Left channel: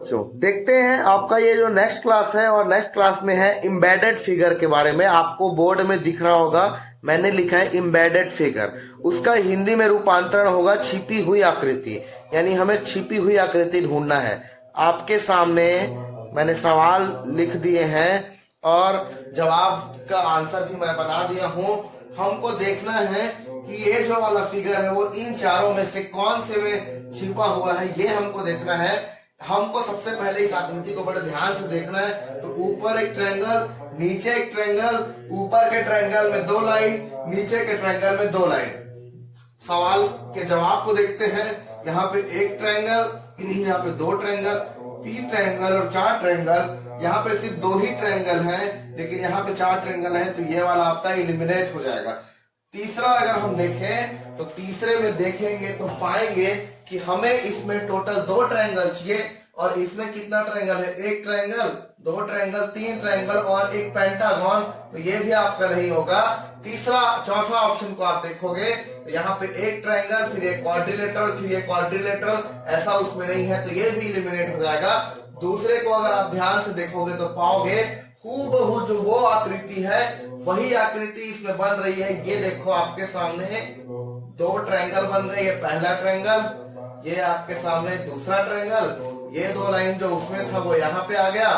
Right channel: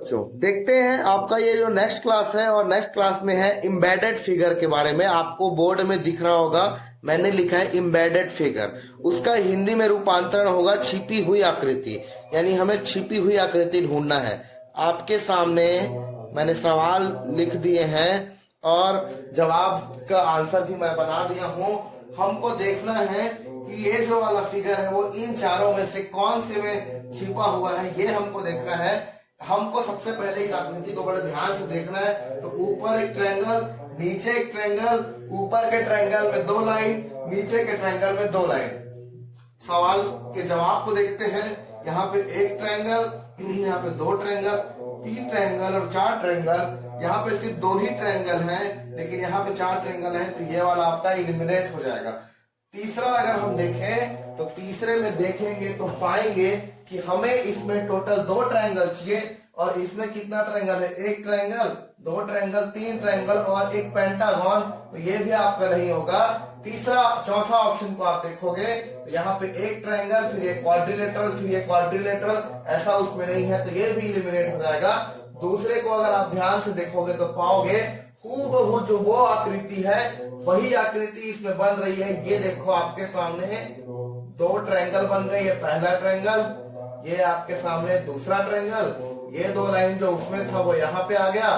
देखते हैं आपका ये जो नेक्स्ट क्लास है, और नेक्स्ट क्लास में है एम्बेडेड फिगर के बारे में। आपको बोर्ड में दिख रहा होगा, मैंने लिखा है एम्बेडेड फिगर। उसका हिंदी में रूपांतरण होगा छिपी हुई आकृति, यानी हमें छिपी हुई आकृति ढूंढना है। आपके सामने मैंने सवाल लिख दिए हैं और जवाब का आंसर भी मैं बना दिया हूँ। हमको देखना है कि ये जो वाला फिगर है वो इन चारों में से कौन से में छिपा हुआ है, ये हमको देखना है। हमको सबसे पहले इस आकृति को बड़े ध्यान से देखना है। तो ऊपर एक ट्रायंगल, नीचे एक ट्रायंगल, ऊपर के ट्रायंगल में 2 लाइन, नीचे के ट्रायंगल में 2 लाइन। सवाल के जवाब को देखते हैं। यहाँ पे एक ट्रायंगल, यहाँ पे 2 ट्रायंगल, 3 ट्रायंगल और 4 ट्रायंगल। यहाँ पे सिर्फ 2 ही ट्रायंगल हैं, लेकिन यहाँ पे 4 ट्रायंगल हैं, तो ये वाला आपका इलिमिनेट हो जाएगा। तीसरा अगर हम देखें तो तीसरे में देखेंगे तो पाएंगे कि हमें इसमें टोटल 2 ट्रायंगल चाहिए, और इसमें कितना ट्रायंगल है? 1 ट्रायंगल, 2 ट्रायंगल, 3 ट्रायंगल और एक पेंटागन। तो ये भी आपका नहीं होगा। तीसरा चौथा ऑप्शन को आप देखोगे तो यहाँ पे 1 ट्रायंगल, फिर एक क्वाड्रिलेटरल, फिर एक क्वाड्रिलेटरल, ऐसा उसमें नहीं है, तो ये भी इलिमिनेट हो जाएगा। दूसरे को अगर आप ध्यान से देखोगे तो पाओगे हूबहू जो वो आकृति है वही आकृति इसमें बन रही है। ये देखो आपके सामने 2 ट्रायंगल बन रहे हैं। ये पहला ट्रायंगल, ये आपके सामने दूसरा ट्रायंगल, ये 2 लाइन जो उसमें था वो यहाँ पे आ गया,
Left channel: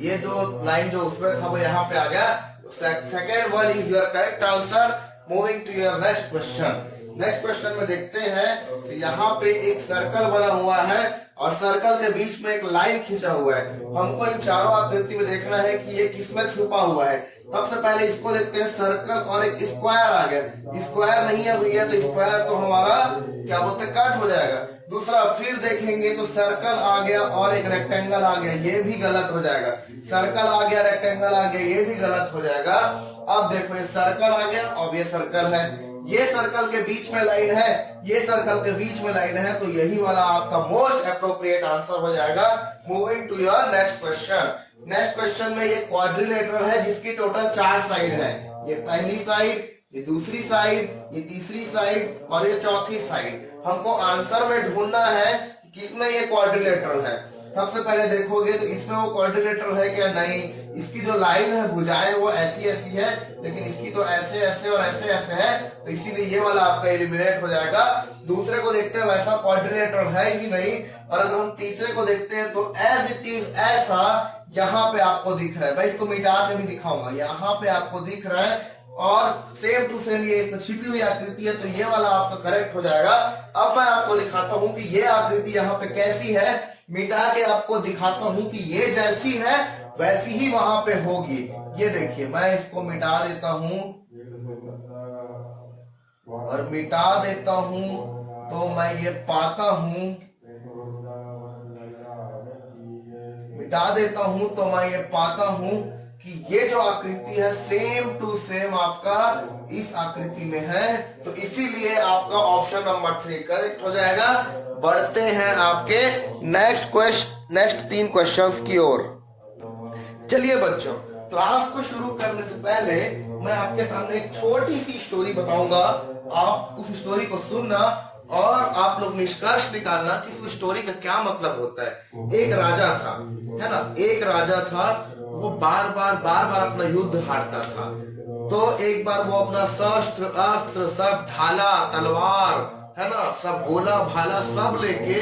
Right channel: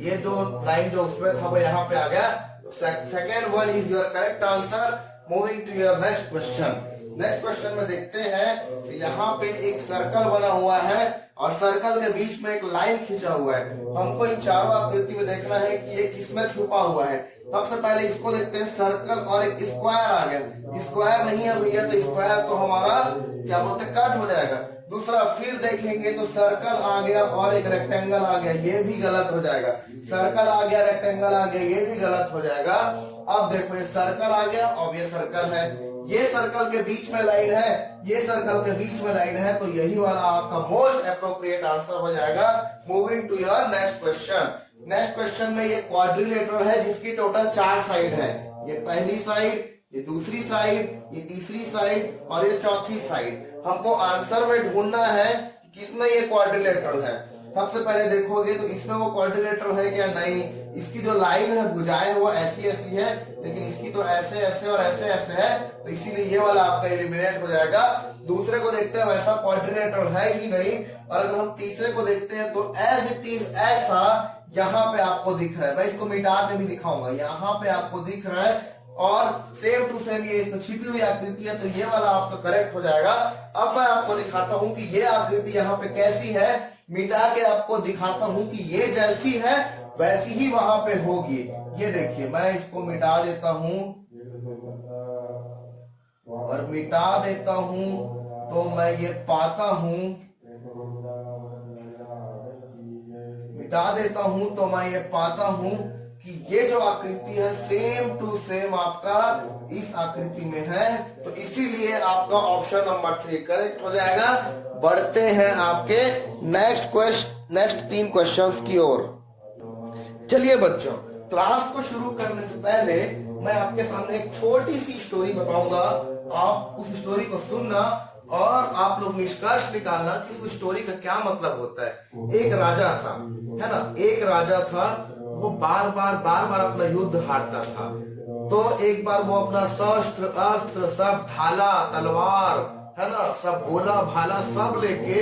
ये जो लाइन जो उसमें था वो यहाँ पे आ गया। Second one is your correct answer. Moving to your next question. Next question में देखते हैं तो यहाँ पे एक सर्कल बना हुआ है और सर्कल के बीच में एक लाइन खींचा हुआ है। हमको इन चारों आकृति में देखना है कि ये किसमें छुपा हुआ है। सबसे पहले इसको देखते हैं, सर्कल और एक स्क्वायर आ गया। स्क्वायर नहीं है भैया, तो स्क्वायर तो हमारा क्या बोलते हैं, कट हो जाएगा। दूसरा फिर देखेंगे तो सर्कल आ गया और एक रेक्टेंगल आ गया, ये भी गलत हो जाएगा। सर्कल आ गया, रेक्टेंगल आ गया, ये भी गलत हो जाएगा। अब देखो ये सर्कल आ गया और ये सर्कल है, ये सर्कल के बीच में लाइन है, ये सर्कल के बीच में लाइन है, तो यही वाला आपका मोस्ट अप्रोप्रिएट आंसर हो जाएगा। Moving to your next question. Next question में ये क्वाड्रिलेटरल है जिसकी टोटल 4 साइड है। ये पहली साइड, ये दूसरी साइड, ये तीसरी साइड और ये चौथी साइड। हमको आंसर में ढूंढना है कि किसमें ये क्वाड्रिलेटरल है। सबसे पहले देखोगे तो इसमें वो क्वाड्रिलेटरल है क्या? नहीं। इसकी जो लाइन है, भुजाएं वो ऐसी ऐसी है, लेकिन इसकी तो ऐसे ऐसे और ऐसे ऐसे है, तो इसीलिए ये वाला आपका एलिमिनेट हो जाएगा। दूसरे को देखते हैं, वैसा क्वाड्रिलेटरल है ही नहीं। और अगर हम तीसरे को देखते हैं तो एज इट इज ऐसा यहाँ पे आपको दिख रहा है। मैं इसको मिटा के भी दिखाऊंगा, यहाँ पे आपको दिख रहा है और सेम टू सेम ये इसमें छिपी हुई आकृति है, तो ये वाला आपका करेक्ट हो जाएगा। अब मैं आपको दिखाता हूँ कि ये आकृति यहाँ पे कैसी है। मिटा के आपको दिखाता हूँ कि ये जैसी है वैसी ही वहां पे होगी। ये देखिए, मैं इसको मिटा देता हूँ और मिटा देता हूँ तो मैं ये पाता हूँ, मिटा देता हूँ तो मैं ये पाता हूँ कि ये जो आकृति है सेम टू सेम आपका इस आकृति में है, तो इसीलिए आपका ऑप्शन नंबर 3 करेक्ट हो जाएगा। बढ़ते हैं आपके नेक्स्ट 3 क्वेश्चंस की ओर। चलिए बच्चों, क्लास को शुरू करने से पहले मैं आपके सामने एक छोटी सी स्टोरी बताऊंगा। आप उस स्टोरी को सुनना और आप लोग निष्कर्ष निकालना कि उस स्टोरी का क्या मतलब होता है। एक राजा था, है ना, एक राजा था, वो बार बार अपना युद्ध हारता था। तो एक बार वो अपना शस्त्र अस्त्र सब, ढाला तलवार, है ना, सब गोला भाला सब लेके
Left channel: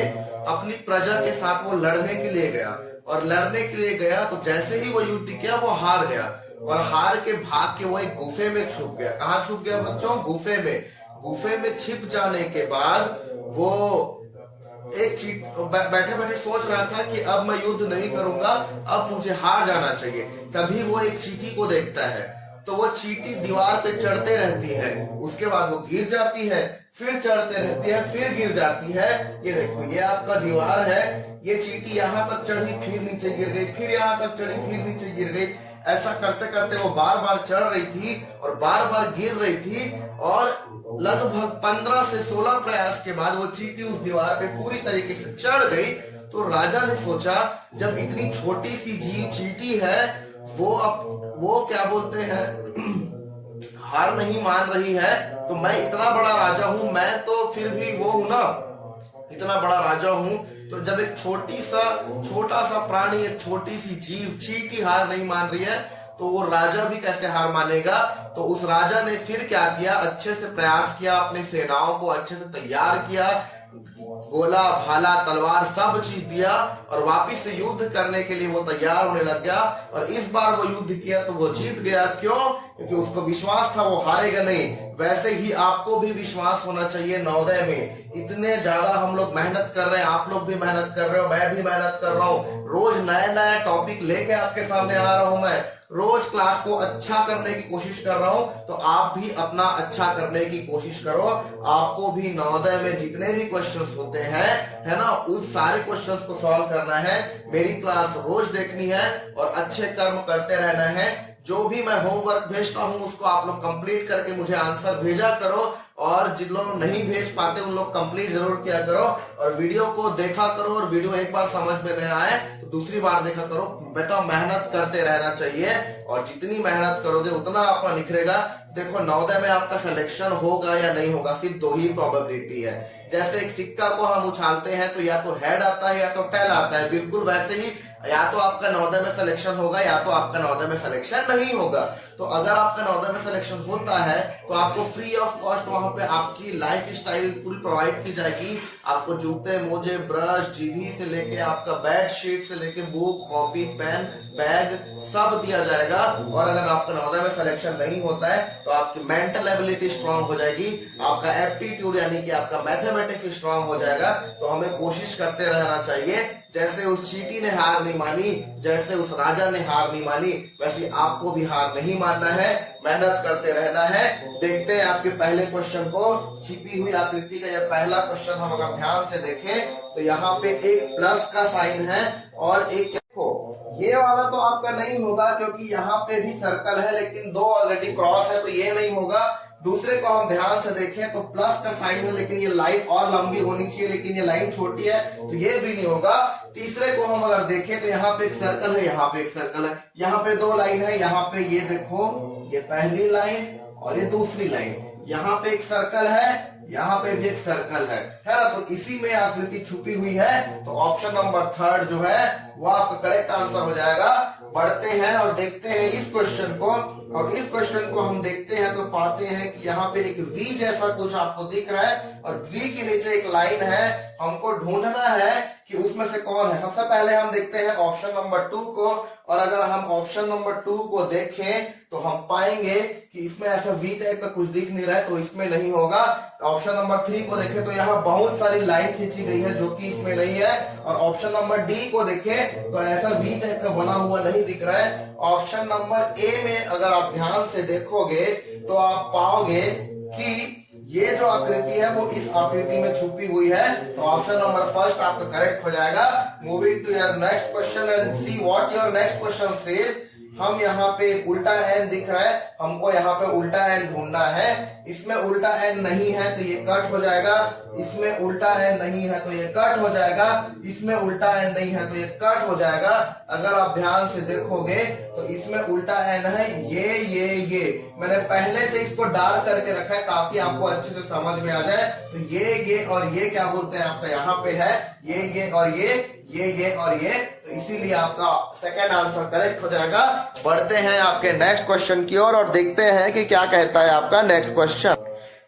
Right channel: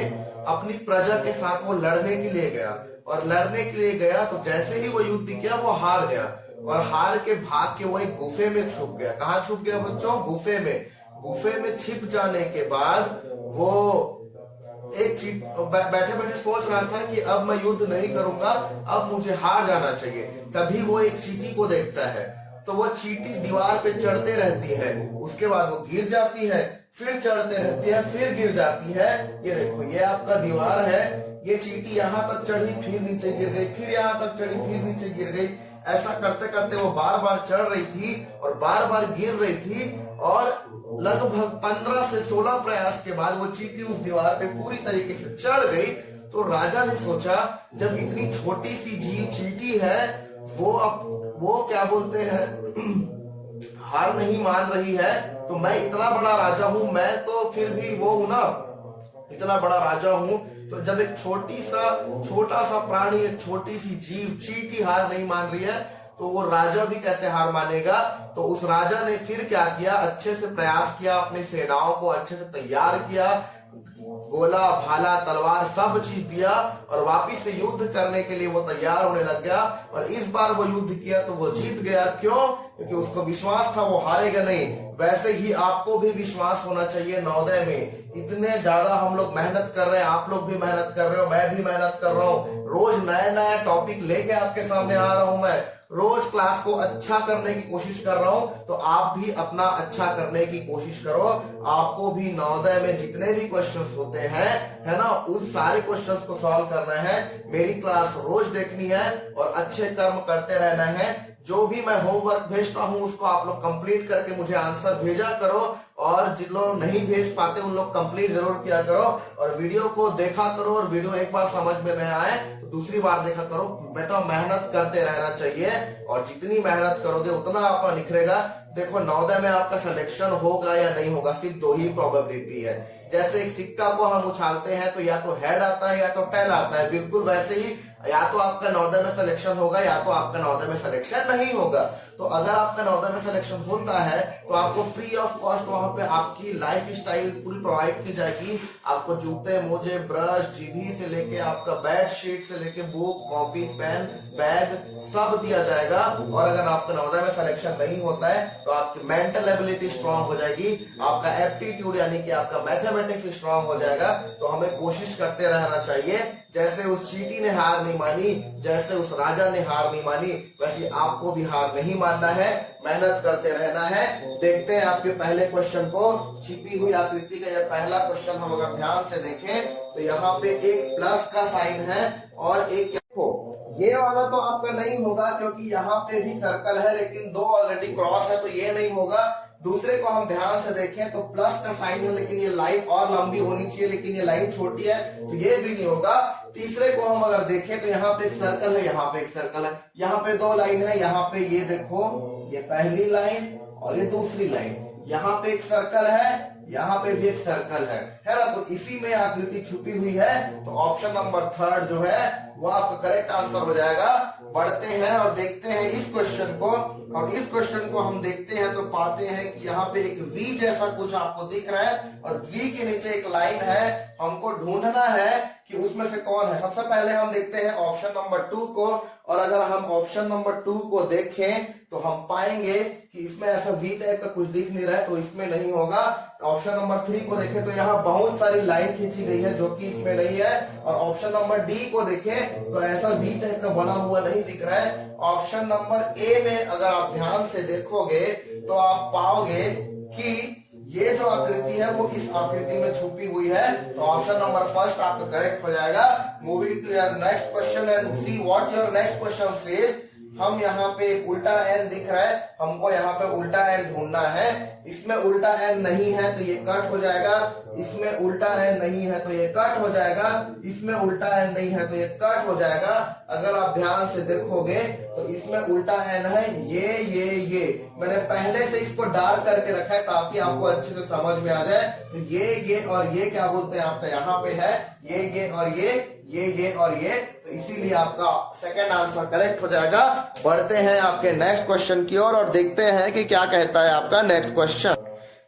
अपनी प्रजा के साथ वो लड़ने के लिए गया। और लड़ने के लिए गया तो जैसे ही वो युद्ध किया वो हार गया, और हार के भाग के वो एक गुफे में छुप गया। कहाँ छुप गया बच्चों? गुफे में। गुफे में छिप जाने के बाद वो एक बैठे बैठे सोच रहा था कि अब मैं युद्ध नहीं करूंगा, अब मुझे हार जाना चाहिए। तभी वो एक चींटी को देखता है, तो वो चींटी दीवार पे चढ़ते रहती है, उसके बाद वो गिर जाती है, फिर चढ़ते रहती है, फिर गिर जाती है। ये देखो, ये आपका दीवार है, ये चींटी यहाँ तक चढ़ी, फिर नीचे गिर गई, फिर यहाँ तक चढ़ी, फिर नीचे गिर गई। ऐसा करते करते वो बार बार चढ़ रही थी और बार बार गिर रही थी, और लगभग 15 से 16 प्रयास के बाद वो चींटी उस दीवार पे पूरी तरीके से चढ़ गई। तो राजा ने सोचा, जब इतनी छोटी सी चींटी है, वो क्या बोलते हैं, हार नहीं मान रही है, तो मैं इतना बड़ा राजा हूं, मैं तो फिर भी वो हूं ना, इतना बड़ा राजा हूं, तो जब एक छोटा सा प्राणी, एक छोटी सी जीव चींटी हार नहीं मान रही है, तो वो राजा भी कैसे हार मानेगा। तो उस राजा ने फिर क्या किया, अच्छे से प्रयास किया, अपनी सेनाओं को अच्छे से तैयार किया, गोला भाला तलवार सब चीज दिया और वापिस से युद्ध करने के लिए वो तैयार होने लग गया। और इस बार वो युद्ध किया तो वो जीत गया। क्यों? क्योंकि उसको विश्वास था वो हारेगा नहीं। वैसे ही आपको भी विश्वास होना चाहिए नवोदय में। इतने ज्यादा हम लोग मेहनत कर रहे हैं, आप लोग भी मेहनत कर रहे हो, मैं भी मेहनत कर रहा हूँ, रोज नए नए टॉपिक लेके आपके सामने आ रहा हूं, मैं रोज क्लास को अच्छा करने की कोशिश कर रहा हूं। तो आप भी अपना अच्छा करने की कोशिश करो। आपको भी नवोदय में जितने भी क्वेश्चंस होते हैं, है ना, उस सारे क्वेश्चंस को सॉल्व करना है। मेरी क्लास रोज देखनी है और अच्छे कर्म करते रहना है। जो भी मैं होमवर्क भेजता हूं उसको आप लोग कंप्लीट करके मुझे आंसर भेजा करो, और जिन लोग नहीं भेज पाते उन लोग कंप्लीट जरूर किया करो, और वीडियो को देखा करो। और वीडियो एक बार समझ में नहीं आए तो दूसरी बार देखा करो। बेटा मेहनत करते रहना चाहिए, और जितनी मेहनत करोगे उतना आपका निखरेगा। देखो नवोदय में आपका सिलेक्शन होगा या नहीं होगा, सिर्फ दो ही प्रोबेबिलिटी है। जैसे एक सिक्का को हम उछालते हैं तो या तो हेड आता है या तो टेल आता है, बिल्कुल वैसे ही या तो आपका नवोदय में सिलेक्शन होगा या तो आपका नवोदय में सिलेक्शन नहीं होगा। तो अगर आपका नवोदय में सिलेक्शन होता है तो आपको फ्री ऑफ कॉस्ट वहां पे आपकी लाइफ स्टाइल पूरी प्रोवाइड की जाएगी। आपको जूते मोजे ब्रश जीभी से लेके आपका बेड शीट से लेके बुक कॉपी पेन बैग सब दिया जाएगा। और अगर आपका नवोदय में सिलेक्शन नहीं होता है तो आपकी मेंटल एबिलिटी स्ट्रांग हो जाएगी, आपका एप्टीट्यूड यानी कि आपका मैथमेटिक्स स्ट्रांग हो जाएगा। तो हमें कोशिश करते रहना चाहिए। जैसे उस चींटी ने हार नहीं मानी, जैसे उस राजा ने हार नहीं मानी, वैसे आपको भी हार नहीं मानना है, मेहनत करते रहना है। देखते हैं आपके पहले क्वेश्चन को। छिपी हुई आकृति का यह पहला क्वेश्चन हम अगर ध्यान से देखें तो यहाँ पे एक प्लस का साइन है और एक देखो ये वाला तो आपका नहीं होगा क्योंकि यहाँ पे भी सर्कल है, लेकिन दो ऑलरेडी क्रॉस है तो ये नहीं होगा। दूसरे को हम ध्यान से देखें तो प्लस का साइन है, लेकिन ये लाइन और लंबी होनी चाहिए, लेकिन ये लाइन छोटी है तो ये भी नहीं होगा। तीसरे को हम अगर देखें तो यहाँ पे एक सर्कल है, यहाँ पे एक सर्कल है, यहाँ पे दो लाइन है, यहाँ पे ये देखो ये पहली लाइन और ये दूसरी लाइन, यहाँ पे एक सर्कल है, यहाँ पे भी एक सर्कल है ना। तो इसी में आकृति छुपी हुई है। तो ऑप्शन नंबर थर्ड जो है वो आपका करेक्ट आंसर हो जाएगा। पढ़ते हैं और देखते हैं इस क्वेश्चन को, और इस क्वेश्चन को हम देखते हैं तो पाते हैं कि यहाँ पे एक वी जैसा कुछ आपको दिख रहा है और वी के नीचे एक लाइन है। हमको ढूंढना है कि उसमें से कौन है। सबसे पहले हम देखते हैं ऑप्शन नंबर 2 को, और अगर हम ऑप्शन नंबर 2 को देखें तो हम पाएंगे कि इसमें ऐसा वी टाइप का कुछ दिख नहीं रहा है तो इसमें नहीं होगा। ऑप्शन नंबर 3 को देखें तो यहाँ बहुत सारी लाइन खींची गई है जो कि इसमें नहीं है। और ऑप्शन नंबर डी को देखें तो ऐसा वी टाइप का बना हुआ नहीं दिख रहा है। ऑप्शन नंबर ए में अगर आप ध्यान से देखोगे तो आप पाओगे कि ये जो आकृति है वो इस आकृति में छुपी हुई है। तो ऑप्शन नंबर फर्स्ट आपका करेक्ट हो जाएगा। Moving to your next question and see what your next question says. हम यहाँ पे उल्टा एन दिख रहा है, हमको यहाँ पे उल्टा एन ढूंढना है। इसमें उल्टा एन नहीं है तो ये कट हो जाएगा, इसमें उल्टा एन नहीं है तो ये कट हो जाएगा, इसमें उल्टा एन नहीं है तो ये कट हो जाएगा। अगर आप ध्यान से देखोगे तो इसमें उल्टा एन है, ये मैंने पहले से इसको डार्क करके रखा है ताकि आपको अच्छे से समझ में आ जाए। तो ये और ये क्या बोलते हैं आपका यहाँ पे है, ये और ये और ये, तो इसीलिए आपका सेकंड आंसर करेक्ट हो जाएगा। बढ़ते हैं आपके नेक्स्ट क्वेश्चन की ओर और देखते हैं कि क्या कहता है आपका नेक्स्ट क्वेश्चन।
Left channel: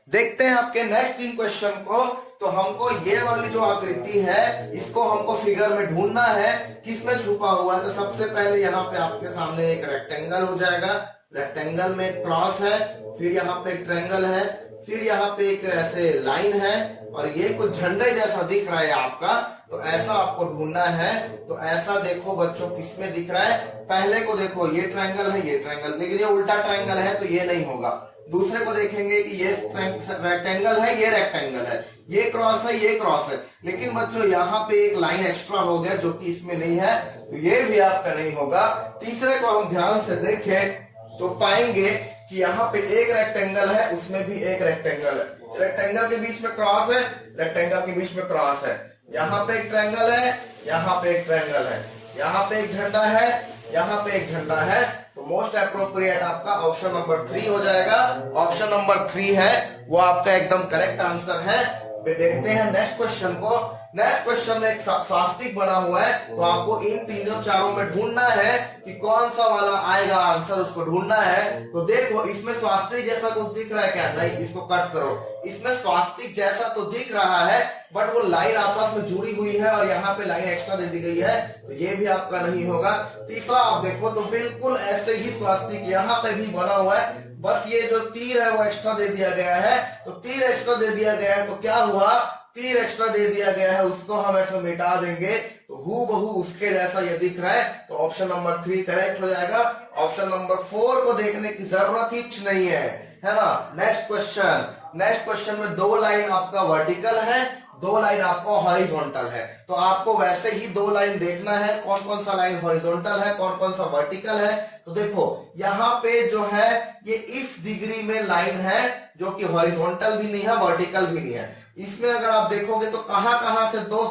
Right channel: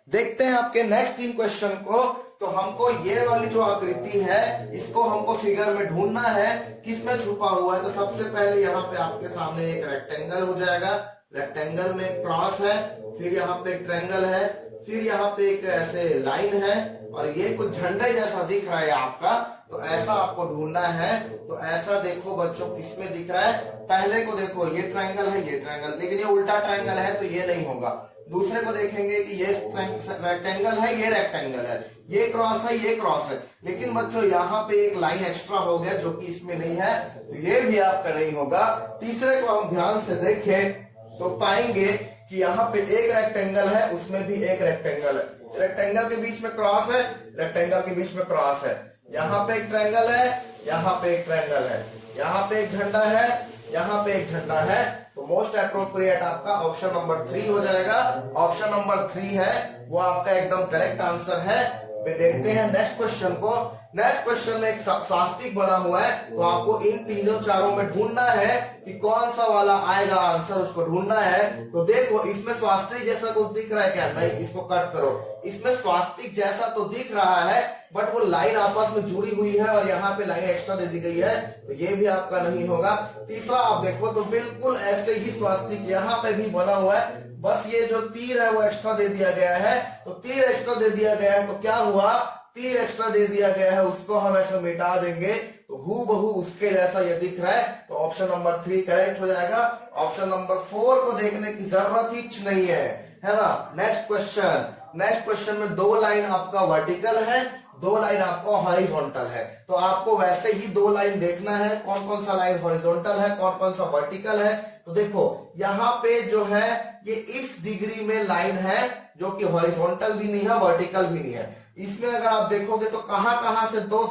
देखते हैं आपके नेक्स्ट 3 क्वेश्चन को। तो हमको ये वाली जो आकृति है इसको हमको फिगर में ढूंढना है किसमें छुपा हुआ है। तो सबसे पहले यहाँ पे आपके सामने एक रेक्टेंगल हो जाएगा, रेक्टेंगल में क्रॉस है, फिर यहाँ पे एक ट्रायंगल है, फिर यहाँ पे एक ऐसे लाइन है और ये कुछ झंडे जैसा दिख रहा है आपका। तो ऐसा आपको ढूंढना है। तो ऐसा देखो बच्चों किसमें दिख रहा है, पहले को देखो ये ट्रायंगल है, ये ट्रायंगल, लेकिन ये उल्टा ट्रायंगल है तो ये नहीं होगा। दूसरे को देखेंगे कि ये रेक्टेंगल है, ये रेक्टेंगल है, ये क्रॉस है, ये क्रॉस है, लेकिन बच्चों यहाँ पे एक लाइन एक्स्ट्रा हो गया जो कि इसमें नहीं है तो ये भी आपका नहीं होगा। तीसरे को हम ध्यान से देखें तो पाएंगे कि यहाँ पे एक रेक्टेंगल है, उसमें भी एक रेक्टेंगल है, रेक्टेंगल के बीच में क्रॉस है, रेक्टेंगल के बीच में क्रॉस है, यहाँ पे एक ट्रायंगल है, यहाँ पे एक ट्रायंगल है, यहाँ पे एक झंडा है, यहाँ पे एक झंडा है। तो मोस्ट अप्रोप्रिएट आपका ऑप्शन नंबर 3 हो जाएगा। ऑप्शन नंबर 3 है वो आपका एकदम करेक्ट आंसर है। देखते हैं नेक्स्ट क्वेश्चन को। नेक्स्ट क्वेश्चन में एक स्वास्तिक बना हुआ है, तो आपको इन तीनों चारों में ढूंढना है कि कौन सा वाला आएगा आंसर, उसको ढूंढना है। तो देखो इसमें स्वास्तिक जैसा कुछ दिख रहा है क्या? नहीं, इसको कट करो। इसमें स्वास्तिक जैसा तो दिख रहा है बट वो लाइन आपस में जुड़ी हुई है और यहाँ पे लाइन एक्स्ट्रा दे दी गई है, तो ये भी आपका नहीं होगा। तीसरा आप देखो तो बिल्कुल ऐसे ही स्वास्तिक यहाँ पे भी बना हुआ है, बस ये जो तीर है वो एक्स्ट्रा दे दिया गया है। तो तीर एक्स्ट्रा दे दिया गया है तो क्या हुआ, तीर एक्स्ट्रा दे दिया गया है, उसको हम ऐसे मिटा देंगे तो हूबहू उसके जैसा ये दिख रहा है। तो ऑप्शन नंबर 3 करेक्ट हो जाएगा। ऑप्शन नंबर 4 को देखने की जरूरत ही नहीं है ना। Next question. नेक्स्ट क्वेश्चन में 2 लाइन आपका वर्टिकल है, 2 लाइन आपको हॉरिजॉन्टल है। तो आपको वैसे ही 2 लाइन देखना है, कौन कौन सा लाइन हॉरिजॉन्टल है, कौन कौन सा वर्टिकल है। तो देखो यहाँ पे जो है ये इस डिग्री में लाइन है जो कि हॉरिजॉन्टल भी नहीं है, वर्टिकल भी नहीं है। इसमें अगर आप देखोगे तो कहां से 2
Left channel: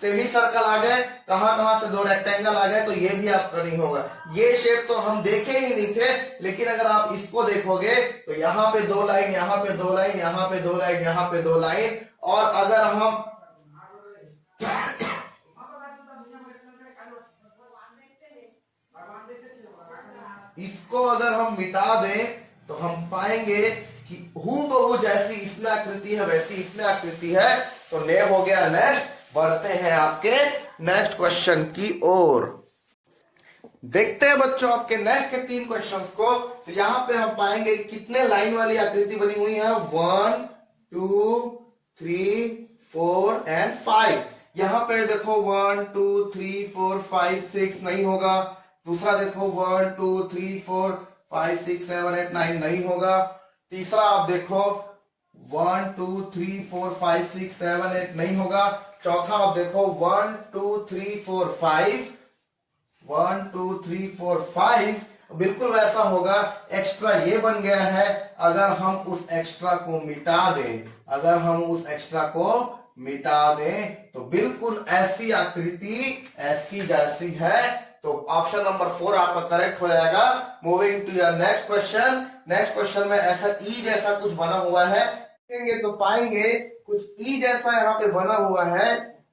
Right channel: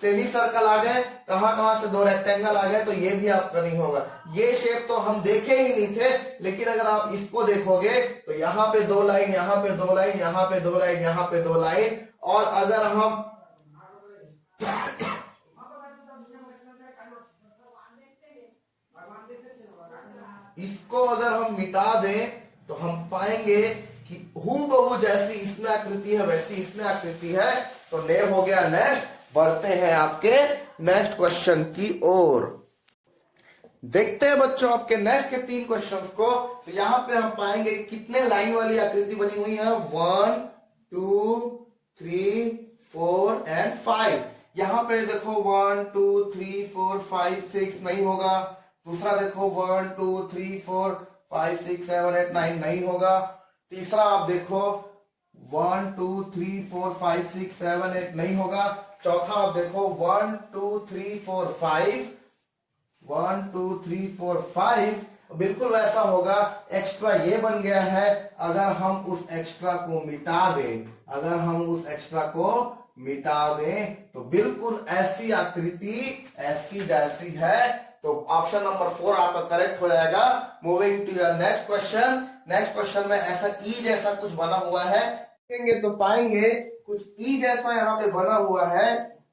सेमी सर्कल आ गए, कहां से 2 रेक्टेंगल आ गए, तो ये भी आपका नहीं होगा। ये शेप तो हम देखे ही नहीं थे, लेकिन अगर आप इसको देखोगे तो यहाँ पे 2 लाइन, यहाँ पे 2 लाइन, यहाँ पे 2 लाइन, यहाँ पे 2 लाइन। और अगर हम इसको अगर हम मिटा दें तो हम पाएंगे कि हूबहू जैसी इसमें आकृति है वैसी इसमें आकृति है। तो ने हो गया नेक्स्ट। बढ़ते हैं आपके नेक्स्ट क्वेश्चन की ओर। देखते हैं बच्चों आपके नेक्स्ट के 3 क्वेश्चंस को। तो यहाँ पे हम पाएंगे कितने लाइन वाली आकृति बनी हुई है, 1 2 3 4 एंड 5। यहाँ पे देखो 1 2 3 4 5 6 नहीं होगा। दूसरा देखो 1 2 3 4 5 6 7 8 9 नहीं होगा। तीसरा आप देखो 1 2 3 4 5 6 7 8 नहीं होगा। चौथा आप देखो 1 2 3 4 5 1 2 3 4 5 बिल्कुल वैसा होगा। एक्स्ट्रा ये बन गया है, अगर हम उस एक्स्ट्रा को मिटा दें, अगर हम उस एक्स्ट्रा को मिटा दें तो बिल्कुल ऐसी आकृति ऐसी जैसी है। तो ऑप्शन नंबर 4 आपका करेक्ट हो जाएगा। Moving to your next question. Next question में ऐसा ई जैसा कुछ बना हुआ है, देखेंगे तो पाएंगे कुछ ई जैसा यहाँ पे बना हुआ है।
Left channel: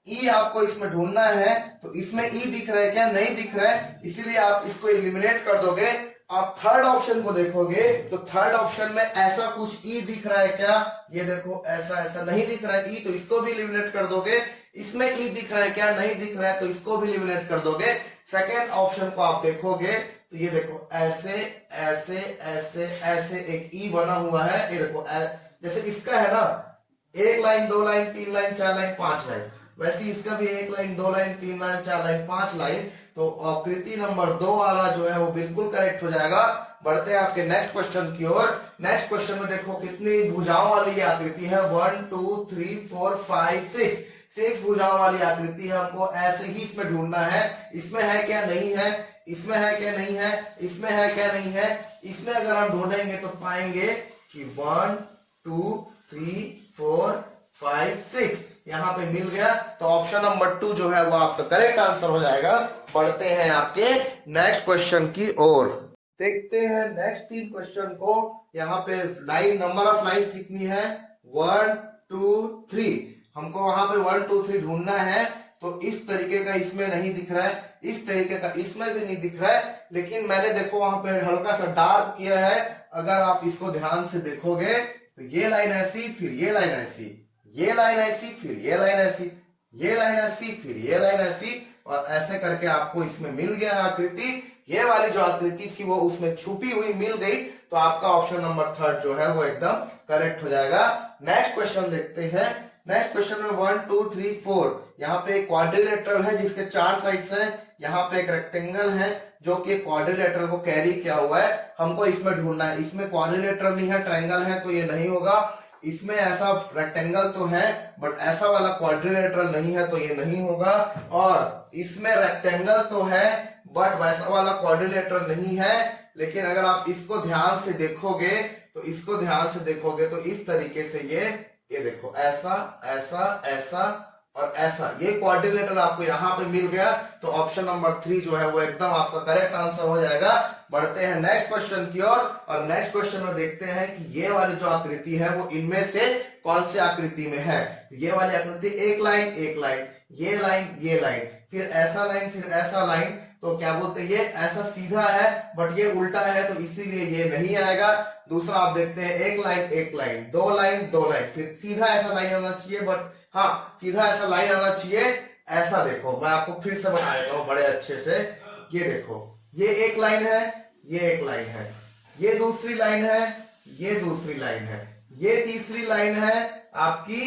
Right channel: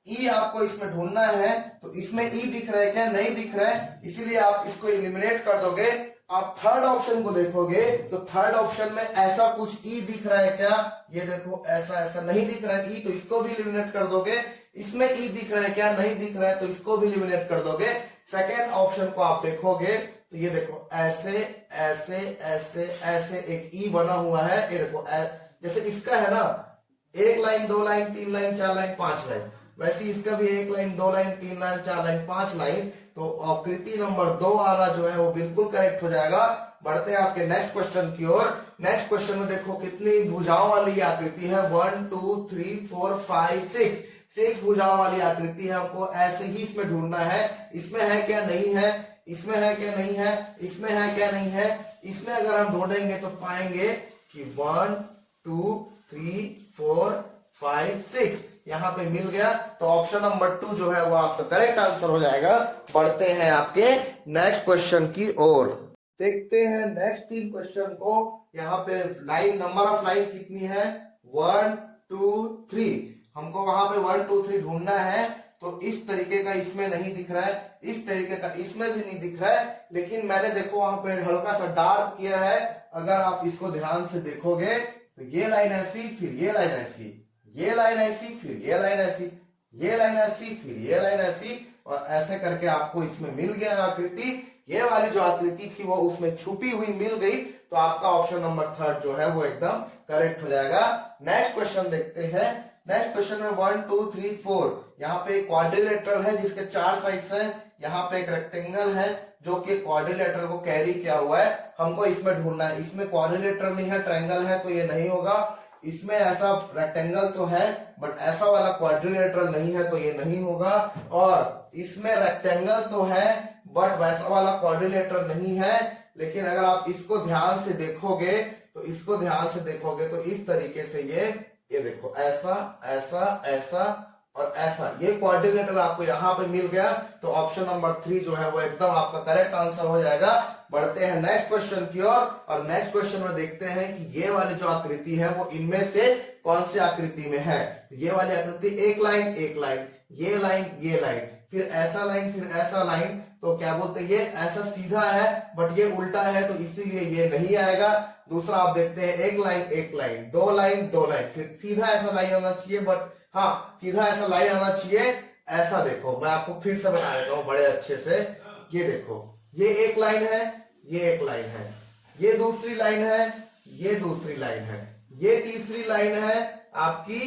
ई आपको इसमें ढूंढना है, तो इसमें ई दिख रहा है क्या? नहीं दिख रहा है, इसीलिए आप इसको एलिमिनेट कर दोगे। आप थर्ड ऑप्शन को देखोगे तो थर्ड ऑप्शन में ऐसा कुछ ई दिख रहा है क्या? ये देखो ऐसा ऐसा नहीं दिख रहा है ई, तो इसको भी एलिमिनेट कर दोगे। इसमें ई दिख रहा है क्या? नहीं दिख रहा है, तो इसको भी एलिमिनेट कर दोगे। सेकेंड ऑप्शन को आप देखोगे तो ये देखो ऐसे ऐसे ऐसे ऐसे एक ई बना हुआ है। ये देखो जैसे इसका है ना 1 line 2 line 3 line 4 line 5 line, वैसे इसका भी 1 line 2 line 3 line 4 line 5 line. तो आकृति नंबर 2 वाला जो है वो बिल्कुल करेक्ट हो जाएगा। बढ़ते हैं आपके नेक्स्ट क्वेश्चन की ओर। नेक्स्ट क्वेश्चन में देखो कितनी भुजाओं वाली आकृति है, 1 2 3 4 5 6 भुजाओं वाली आकृति है। हमको ऐसे ही इसमें ढूंढना है, इसमें है क्या नहीं है, इसमें है क्या नहीं है, इसमें है क्या नहीं है। इसमें अगर हम ढूंढेंगे तो पाएंगे कि 1 2 3 4 5 6 यहाँ पे मिल गया। तो ऑप्शन नंबर 2 जो है वो आपका करेक्ट आंसर हो जाएगा। बढ़ते हैं आपके नेक्स्ट क्वेश्चन की ओर। देखते हैं नेक्स्ट 3 क्वेश्चन को। यहाँ पे लाइन नंबर ऑफ लाइन कितनी है, 1 2 3। हमको वहां पे 1 2 3 ढूंढना है। तो इस तरीके का इसमें नहीं दिख रहा है, इस तरीके का इसमें भी नहीं दिख रहा है, लेकिन मैंने देखो वहां पे हल्का सा डार्क किया है। अगर आप इसको ध्यान से देखोगे तो ये लाइन ऐसी, फिर ये लाइन ऐसी, ये लाइन ऐसी, फिर ये लाइन ऐसी, ये लाइन ऐसी, फिर ये लाइन ऐसी, और ऐसे करके आपको इसमें मिल गया आकृति। ये वाली जो आकृति थी वो उसमें छुपी हुई मिल गई। तो आपका ऑप्शन नंबर 3 जो है वो एकदम करेक्ट हो जाएगा। नेक्स्ट क्वेश्चन देखते हैं। नेक्स्ट क्वेश्चन में 1 2 3 4 यहाँ पे एक क्वाड्रिलेटरल है जिसके 4 साइड्स हैं। यहाँ पे एक रेक्टेंगल है जो कि क्वाड्रिलेटरल को कैरी किया हुआ है। हमको इसमें ढूंढना है। इसमें क्वाड्रिलेटरल नहीं है, ट्रायंगल है, तो ये नहीं होगा। इसमें ऐसा रेक्टेंगल तो है बट ऐसा वाला क्वाड्रिलेटरल नहीं है, तो ये नहीं होगा। और इसमें रेक्टेंगल तो है बट वैसा वाला क्वाड्रिलेटरल नहीं है। लेकिन अगर आप इसको ध्यान से देखोगे तो इस तरीके से ये देखो ऐसा ऐसा ऐसा और ऐसा, ये क्वाड्रिलेटरल आपको यहाँ पे मिल गया, तो ऑप्शन नंबर 3 जो है वो एकदम आपका करेक्ट आंसर हो जाएगा। बढ़ते हैं नेक्स्ट क्वेश्चन की ओर, और नेक्स्ट क्वेश्चन में देखते हैं कि ये वाली जो आकृति है वो इनमें से कौन सी आकृति में है। ये वाली आकृति एक लाइन, ये लाइन, ये लाइन, फिर ऐसा लाइन, फिर ऐसा लाइन, तो क्या बोलते हैं, ये ऐसा सीधा है बट ये उल्टा है, तो इसीलिए ये नहीं आएगा। दूसरा आप देखते हैं एक लाइन, दो लाइन, फिर सीधा ऐसा लाइन आना चाहिए, बट हाँ सीधा ऐसा लाइन आना चाहिए। ऐसा देखो, मैं आपको फिर से बना देता हूं बड़े अच्छे से। ये देखो, ये एक लाइन है, ये एक लाइन है, ये दूसरी लाइन है, ये दूसरी लाइन है, ये तीसरी लाइन है आपकी,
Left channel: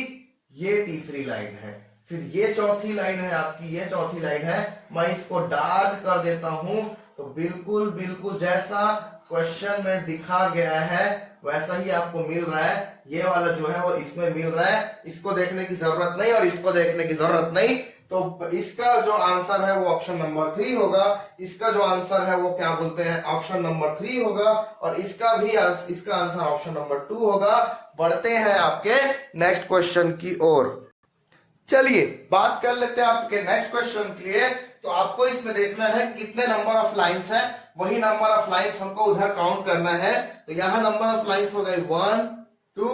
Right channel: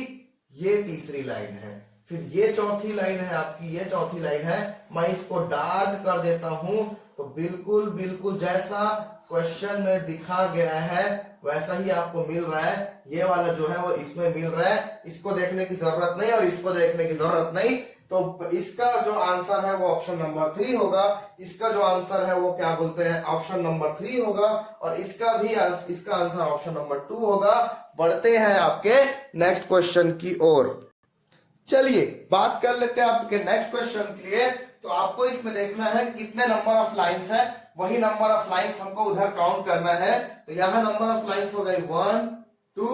ये तीसरी लाइन है, फिर ये चौथी लाइन है आपकी, ये चौथी लाइन है। मैं इसको डार्क कर देता हूं, तो बिल्कुल बिल्कुल जैसा क्वेश्चन में दिखा गया है वैसा ही आपको मिल रहा है। ये वाला जो है वो इसमें मिल रहा है, इसको देखने की जरूरत नहीं और इसको देखने की जरूरत नहीं। तो इसका जो आंसर है वो ऑप्शन नंबर 3 होगा। इसका जो आंसर है वो क्या बोलते हैं, ऑप्शन नंबर 3 होगा, और इसका आंसर ऑप्शन नंबर 2 होगा। बढ़ते हैं आपके नेक्स्ट क्वेश्चन की ओर। चलिए बात कर लेते हैं आपके नेक्स्ट क्वेश्चन के लिए। तो आपको इसमें देखना है कितने नंबर ऑफ लाइंस है, वही नंबर ऑफ लाइंस हमको उधर काउंट करना है। तो यहाँ नंबर ऑफ लाइंस हो गए 1 2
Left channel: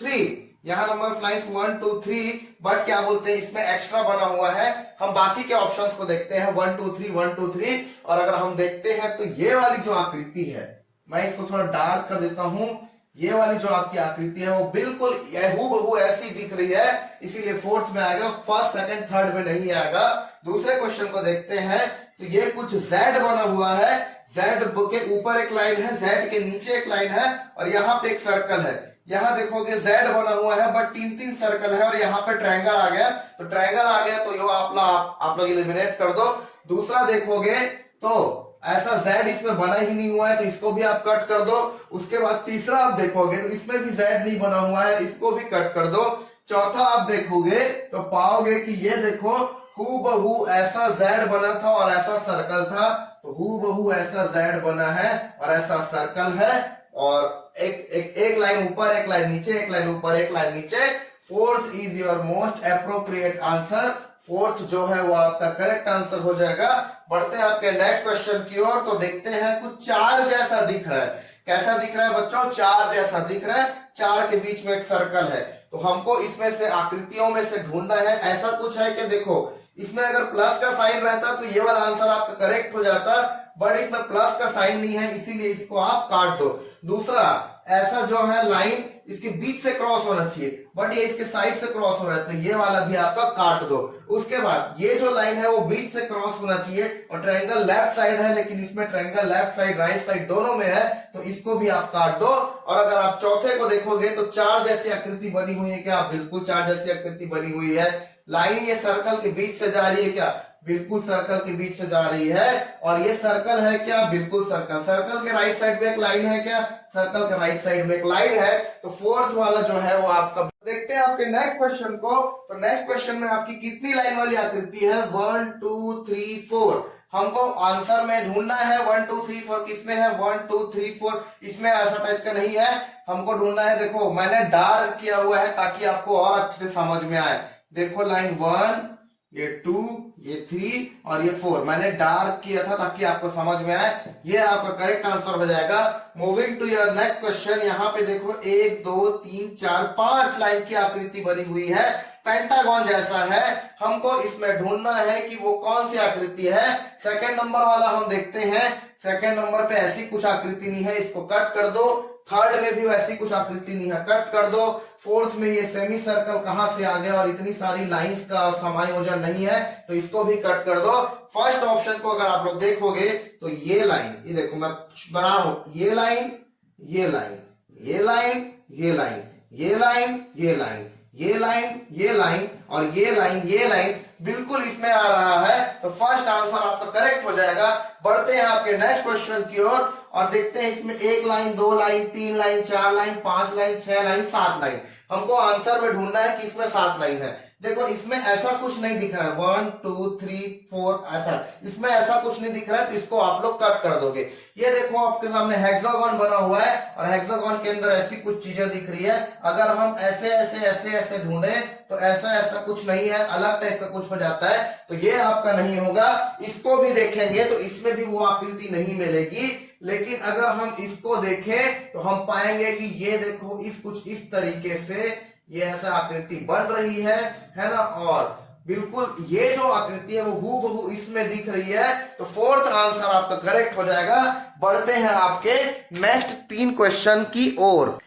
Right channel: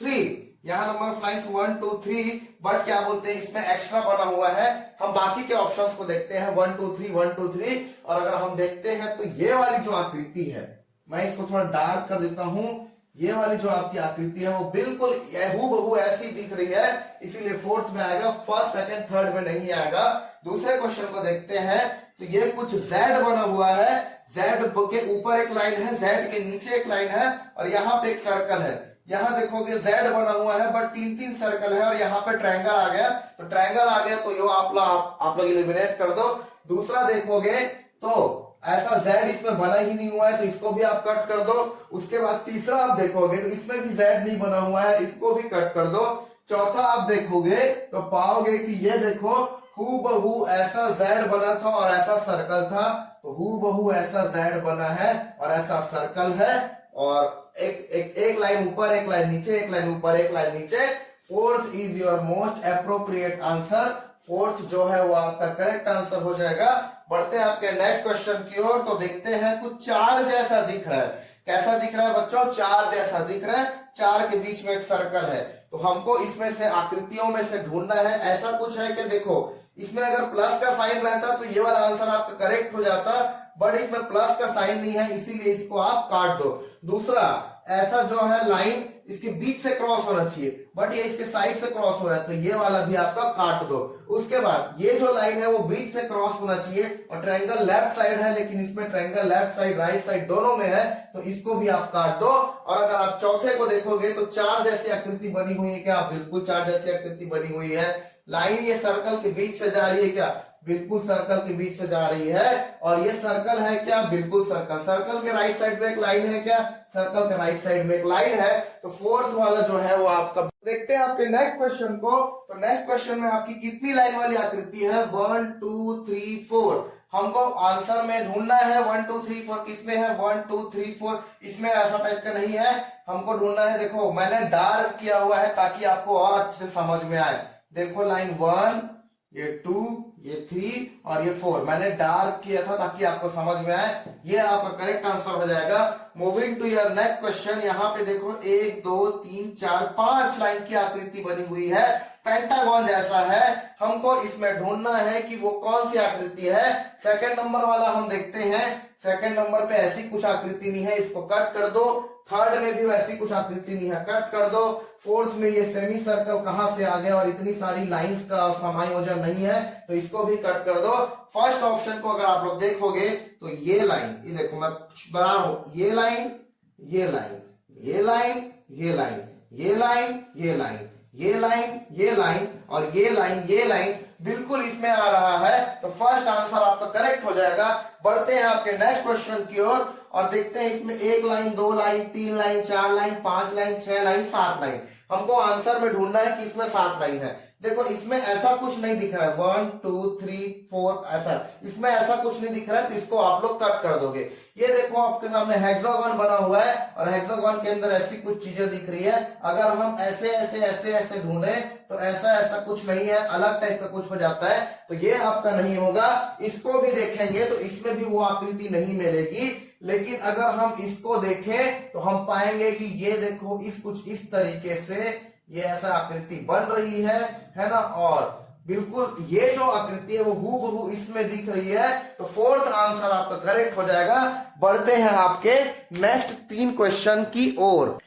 3, यहाँ नंबर ऑफ लाइंस 1 2 3, बट क्या बोलते हैं इसमें एक्स्ट्रा बना हुआ है। हम बाकी के ऑप्शंस को देखते हैं 1 2 3 1 2 3, और अगर हम देखते हैं तो ये वाली जो आकृति है, मैं इसको थोड़ा डार्क कर देता हूं। ये वाली जो आपकी आकृति है वो बिल्कुल हूबहू ऐसी दिख रही है, इसीलिए फोर्थ में आएगा, फर्स्ट सेकंड थर्ड में नहीं आएगा। दूसरे क्वेश्चन को देखते हैं, तो ये कुछ जेड बना हुआ है, जेड के ऊपर एक लाइन है, जेड के नीचे एक लाइन है, और यहाँ पे एक सर्कल है। यहाँ देखोगे जेड बना हुआ है बट 3 सर्कल है, और यहाँ पे ट्रायंगल आ गया, तो ट्रायंगल आ गया तो ये आप लोग एलिमिनेट कर दो। दूसरा देखोगे तो ऐसा Z इसमें बना ही नहीं हुआ है, तो इसको भी आप कट कर दो। उसके बाद तीसरा आप देखोगे तो इसमें भी Z नहीं बना हुआ है, इसको भी कट कर दो। चौथा आप देखोगे तो पाओगे कि ये देखो हूबहू ऐसा Z बना था और ऐसा सर्कल था, तो हूबहू ऐसा Z बना है और ऐसा सर्कल है, और एक लाइन ऊपर, एक लाइन नीचे, एक लाइन ऊपर, एक लाइन नीचे। Fourth is your most appropriate answer. Fourth जो है वो आपका करेक्ट आंसर हो जाएगा। बढ़ते हैं आपके नेक्स्ट क्वेश्चन की ओर, तो देखते हैं कुछ चार जैसा दिख रहा है। कैसा दिख रहा है बच्चों, चार जैसा दिख रहा है, चार के बीच में एक सर्कल है। तो हमको इसमें से आकृतियों में से ढूंढना है। ऐसा कुछ है कि देखो इसमें अगर प्लस का साइन रहता तो ये वाला आंसर आपका करेक्ट हो जाता, बट इसमें प्लस का साइन नहीं है, इसीलिए इसको आप काट दो। दूसरा, ऐसा जो है लाइन इसके बीच से क्रॉस होना चाहिए, बट ये इसके साइड से क्रॉस हो रहा है, तो ये वाला भी आपका काट दो। उसके बाद ये जो लाइन है वो बीच से क्रॉस होना चाहिए, और ट्रायंगल लेफ्ट साइड है, लेकिन इसमें triangle left side right side दोनों में है, तो इसको भी आप काट दो। और अगर आप चौथे को देखोगे तो चार जैसी आकृति बनी हुई है क्या, बिल्कुल चार जैसी आकृति बनी हुई है। लाइन ये सर्कल के बीच से जा रही है क्या, बिल्कुल सर्कल के बीच से जा रही है। और ये सर्कल है क्या, बिल्कुल सर्कल। सर्कल के राइट साइड में एक लाइन है क्या, सर्कल के राइट साइड में एक लाइन है। तो फोर्थ वाला जो है वो आपका। देखते हैं आपके नेक्स्ट क्वेश्चन को। तो नेक्स्ट क्वेश्चन में आपकी कितनी लाइन वाली आकृति है, 1 2 3 4। हमको आंसर में ढूंढना है 1 2 3 4 किसमें है, 1 2 3 4 इसमें ऐसा टाइप का नहीं है, हमको ढूंढना है। देखो मैंने डार्क किया हुआ है ताकि आपको और अच्छे से समझ में आए। देखो लाइन 1, ये 2, ये 3 और ये 4 मैंने डार्क किया था ताकि आपको समझ में आए। ये आपका करेक्ट आंसर हो जाएगा। Moving to your next question, यहाँ पे देखो 1 2 3 4 5 लाइन की आकृति बनी हुई है, पेंटागन जैसा है। हमको इसमें ढूंढना है कि वो कौन सी आकृति है। सेकंड नंबर वाला हम देखते हैं, सेकंड नंबर पे ऐसी कुछ आकृति नहीं है, इसको कट कर दो। थर्ड में भी वैसी कुछ आकृति नहीं है, कट कर दो। फोर्थ में ये सेमी सर्कल कहां से आ गया और इतनी सारी लाइंस का समायोजन नहीं है, तो इसको भी कट कर दो। फर्स्ट ऑप्शन को अगर आप लोग देखोगे तो ये लाइन, ये देखो मैं बना रहा हूं, ये लाइन, ये लाइन, ये लाइन, ये लाइन, ये लाइन, ये लाइन, ये लाइन, ये लाइन और ये लाइन, ये लाइन बिल्कुल इसमें आ रहा है, तो फर्स्ट आंसर आपका करेक्ट हो जाएगा। बढ़ते हैं आपके नेक्स्ट क्वेश्चन की ओर और देखते हैं इसमें 1 line, 2 line, 3 line, 4 line, 5 line, 6 line, 7 line. हमको आंसर में ढूंढना है कि इसमें 7 लाइन है। देखो इसमें ऐसा कुछ नहीं दिख रहा है 1 2 3 4 ऐसा, इसमें ऐसा कुछ नहीं दिख रहा है, तो इसको आप लोग कट कर दोगे। ये देखो आपके सामने हेक्सागोन बना हुआ है और हेक्सागोन के अंदर ऐसी कुछ चीजें दिख रही है। अगर हम ऐसे ऐसे ऐसे ऐसे ढूंढे तो ऐसा ऐसा कुछ नहीं है, अलग टाइप का कुछ हो जाता है, तो ये आपका नहीं होगा। इसको भी देखेंगे तो इसमें भी वो आकृति नहीं मिलेगी, लेकिन अगर हम इसको देखें तो हम पाएंगे कि ये देखो इस कुछ इस तरीके से ये ऐसा आकृति बन रही है ना। और बिल्कुल ये जो आकृति है वो हूबहू इसमें दिख रही है, तो फोर्थ आंसर आपका करेक्ट हो जाएगा। बढ़ते हैं आपके नेक्स्ट 3 क्वेश्चन की ओर।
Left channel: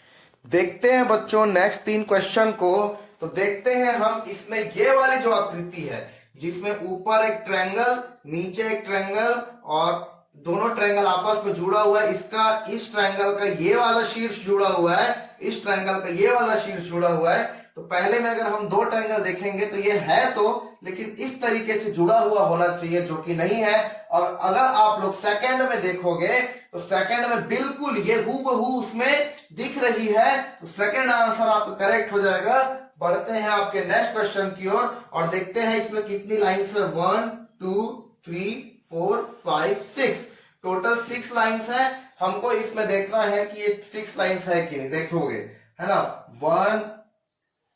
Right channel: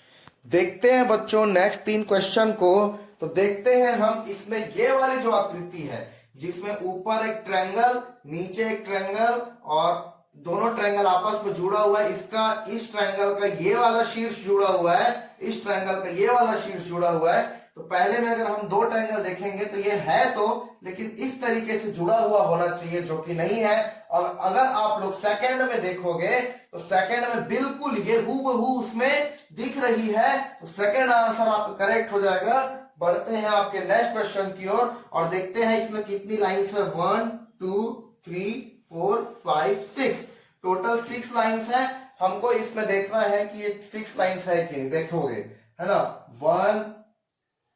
देखते हैं बच्चों नेक्स्ट 3 क्वेश्चन को। तो देखते हैं हम इसमें ये वाली जो आकृति है जिसमें ऊपर एक ट्रायंगल नीचे एक ट्रायंगल और दोनों ट्रायंगल आपस में जुड़ा हुआ है, इसका इस ट्रायंगल का ये वाला शीर्ष जुड़ा हुआ है, इस ट्रायंगल का ये वाला शीर्ष जुड़ा हुआ है। तो पहले में अगर हम 2 ट्रायंगल देखेंगे तो ये है तो, लेकिन इस तरीके से जुड़ा हुआ होना चाहिए जो कि नहीं है। और अगर आप लोग सेकंड में देखोगे तो सेकंड में बिल्कुल ये हूबहू उसमें दिख रही है, तो सेकंड आंसर आपका करेक्ट हो जाएगा। बढ़ते हैं आपके नेक्स्ट क्वेश्चन की ओर और देखते हैं इसमें कितनी लाइन्स है। 1 2 3 4 5 6, टोटल 6 लाइन्स है। हमको इसमें देखना है कि ये 6 लाइन्स है कि नहीं, देखोगे है ना। 1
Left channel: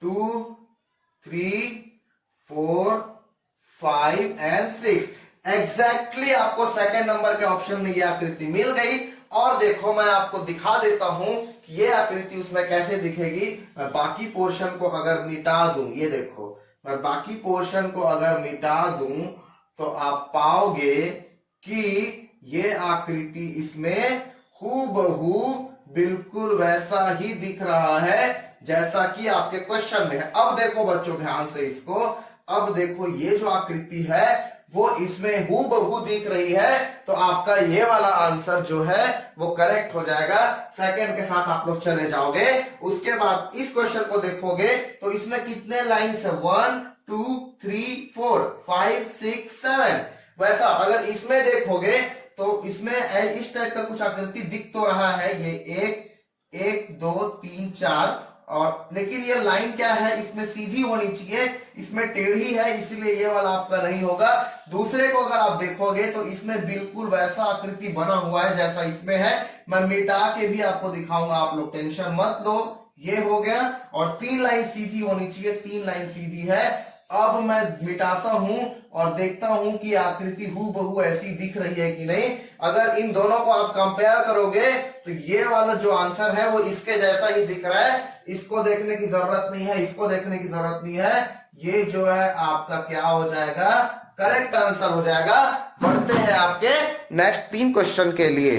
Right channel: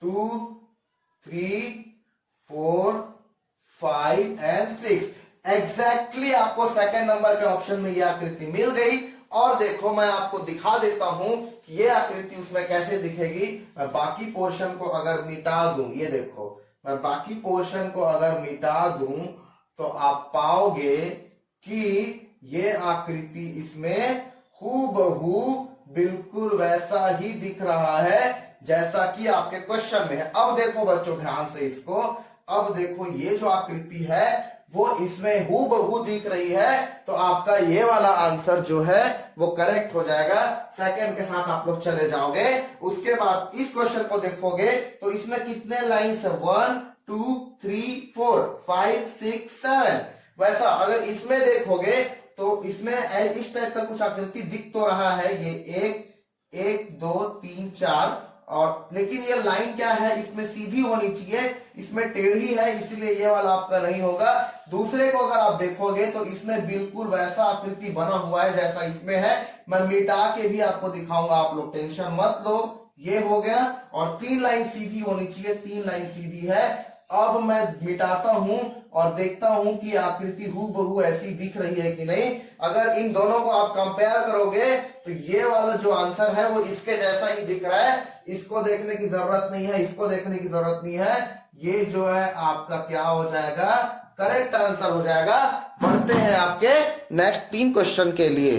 2 3 4 5 एंड 6, एग्जैक्टली आपको सेकंड नंबर के ऑप्शन में ये आकृति मिल गई। और देखो मैं आपको दिखा देता हूं कि ये आकृति उसमें कैसे दिखेगी। मैं बाकी पोर्शन को अगर मिटा दूं, ये देखो मैं बाकी पोर्शन को अगर मिटा दूं तो आप पाओगे कि ये आकृति इसमें हूबहू बिल्कुल वैसा ही दिख रहा है जैसा कि आपके क्वेश्चन में है। अब देखो बच्चों ध्यान से इसको, अब देखो ये जो आकृति है वो इसमें हूबहू दिख रही है, तो आपका ये वाला आंसर जो है वो करेक्ट हो जाएगा। सेकंड के साथ आप लोग चले जाओगे। उसके बाद इस क्वेश्चन को देखोगे तो इसमें कितने लाइन्स है 1 2 3 4 5 6 7। वैसा अगर इसमें देखोगे तो इसमें इस टाइप का कुछ आकृति दिख तो रहा है, ये 1 2 3 4, और लेकिन ये लाइन क्या है इसमें सीधी होनी चाहिए, इसमें टेढ़ी है, इसलिए ये वाला आपका नहीं होगा। दूसरे को अगर आप देखोगे तो इसमें बिल्कुल वैसा आकृति बना हुआ है जैसा इसमें है। मैं मिटा के भी आपको दिखाऊंगा, आप लोग टेंशन मत लो। ये हो गया और 3 लाइन सीधी होनी चाहिए, 3 लाइन सीधी है। अब मैं मिटाता हूं और देखता हूं कि आकृति हूबहू ऐसी दिख रही है कि नहीं। अगर इन दोनों को आप कंपेयर करोगे तो ये वाला जो आंसर है वो इसके जैसा ही दिख रहा है, इसको देखने की जरूरत नहीं है, इसको देखने की जरूरत नहीं है। ये जो है आपका क्या हो जाएगा, करेक्ट आंसर हो जाएगा। बढ़ते हैं आपके नेक्स्ट 3 क्वेश्चन के लिए।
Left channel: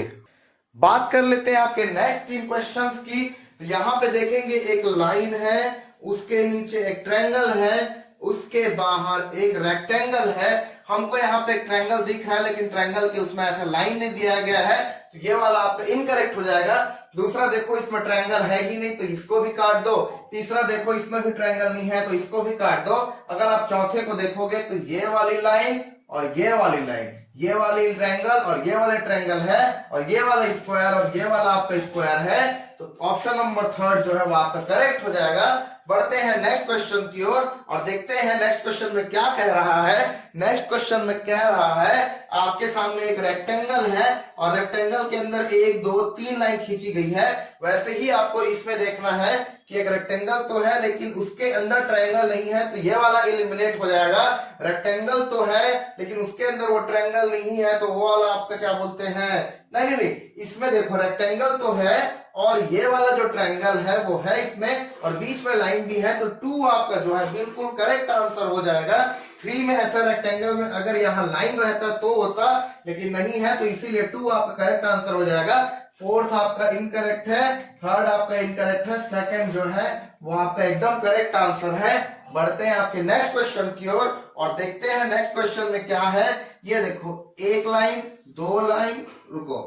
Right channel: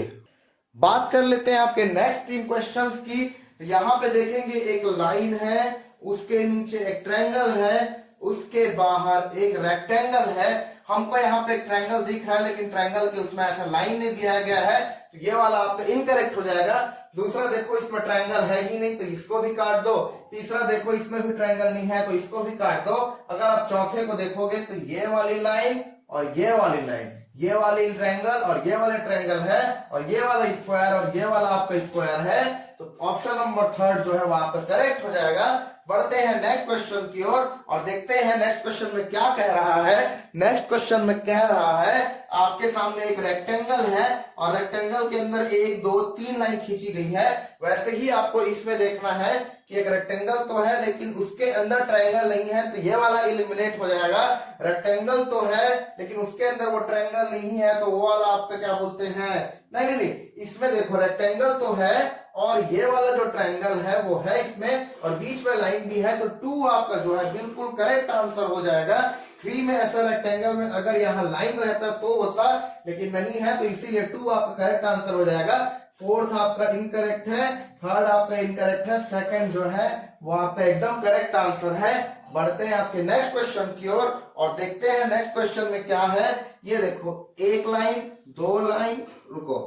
बात कर लेते हैं आपके नेक्स्ट 3 क्वेश्चन की। यहाँ पे देखेंगे एक लाइन है, उसके नीचे एक ट्रायंगल है, उसके बाहर एक रेक्टेंगल है। हमको यहाँ पे एक ट्रायंगल दिख रहा है लेकिन ट्रायंगल के उसमें ऐसा लाइन नहीं दिया गया है, तो ये वाला आपका इनकरेक्ट हो जाएगा। दूसरा देखो इसमें ट्रायंगल है ही नहीं, तो इसको भी काट दो। तीसरा देखो इसमें भी ट्रायंगल नहीं है, तो इसको भी काट दो। अगर आप चौथे को देखोगे तो ये वाली लाइन और ये वाली लाइन, ये वाली ट्रायंगल और ये वाला ट्रायंगल है, और ये वाला स्क्वायर और ये वाला आपका स्क्वायर है, तो ऑप्शन नंबर 3 जो है वो आपका करेक्ट हो जाएगा। बढ़ते हैं नेक्स्ट क्वेश्चन की ओर और देखते हैं नेक्स्ट क्वेश्चन में क्या कह रहा है। नेक्स्ट क्वेश्चन में कह रहा है आपके सामने एक रेक्टेंगल है और रेक्टेंगल के अंदर 1 2 3 लाइन खींची गई है। वैसे ही आपको इसमें देखना है कि एक रेक्टेंगल तो है लेकिन उसके अंदर ट्रायंगल नहीं है, तो ये वाला एलिमिनेट हो जाएगा। रेक्टेंगल तो है लेकिन उसके अंदर वो ट्रायंगल नहीं है, तो वो वाला आपका क्या बोलते हैं, नहीं, इसमें देखो रेक्टेंगल तो है और ये वाला जो ट्रायंगल है वो है इसमें, और बीच में लाइन भी है, तो 2 आपका जो है बिल्कुल करेक्ट आंसर हो जाएगा। 3 में ऐसा रेक्टेंगल में अगर यहाँ लाइन रहता तो होता, लेकिन नहीं है, तो इसीलिए 2 आपका करेक्ट आंसर हो जाएगा। 4th आपका इनकरेक्ट है, 3rd आपका इनकरेक्ट है, 2nd जो है वो आपका एकदम करेक्ट आंसर है। बढ़ते हैं आपके नेक्स्ट क्वेश्चन की ओर और देखते हैं नेक्स्ट क्वेश्चन में क्या है। ये देखो 1 लाइन 2 लाइन, रुको,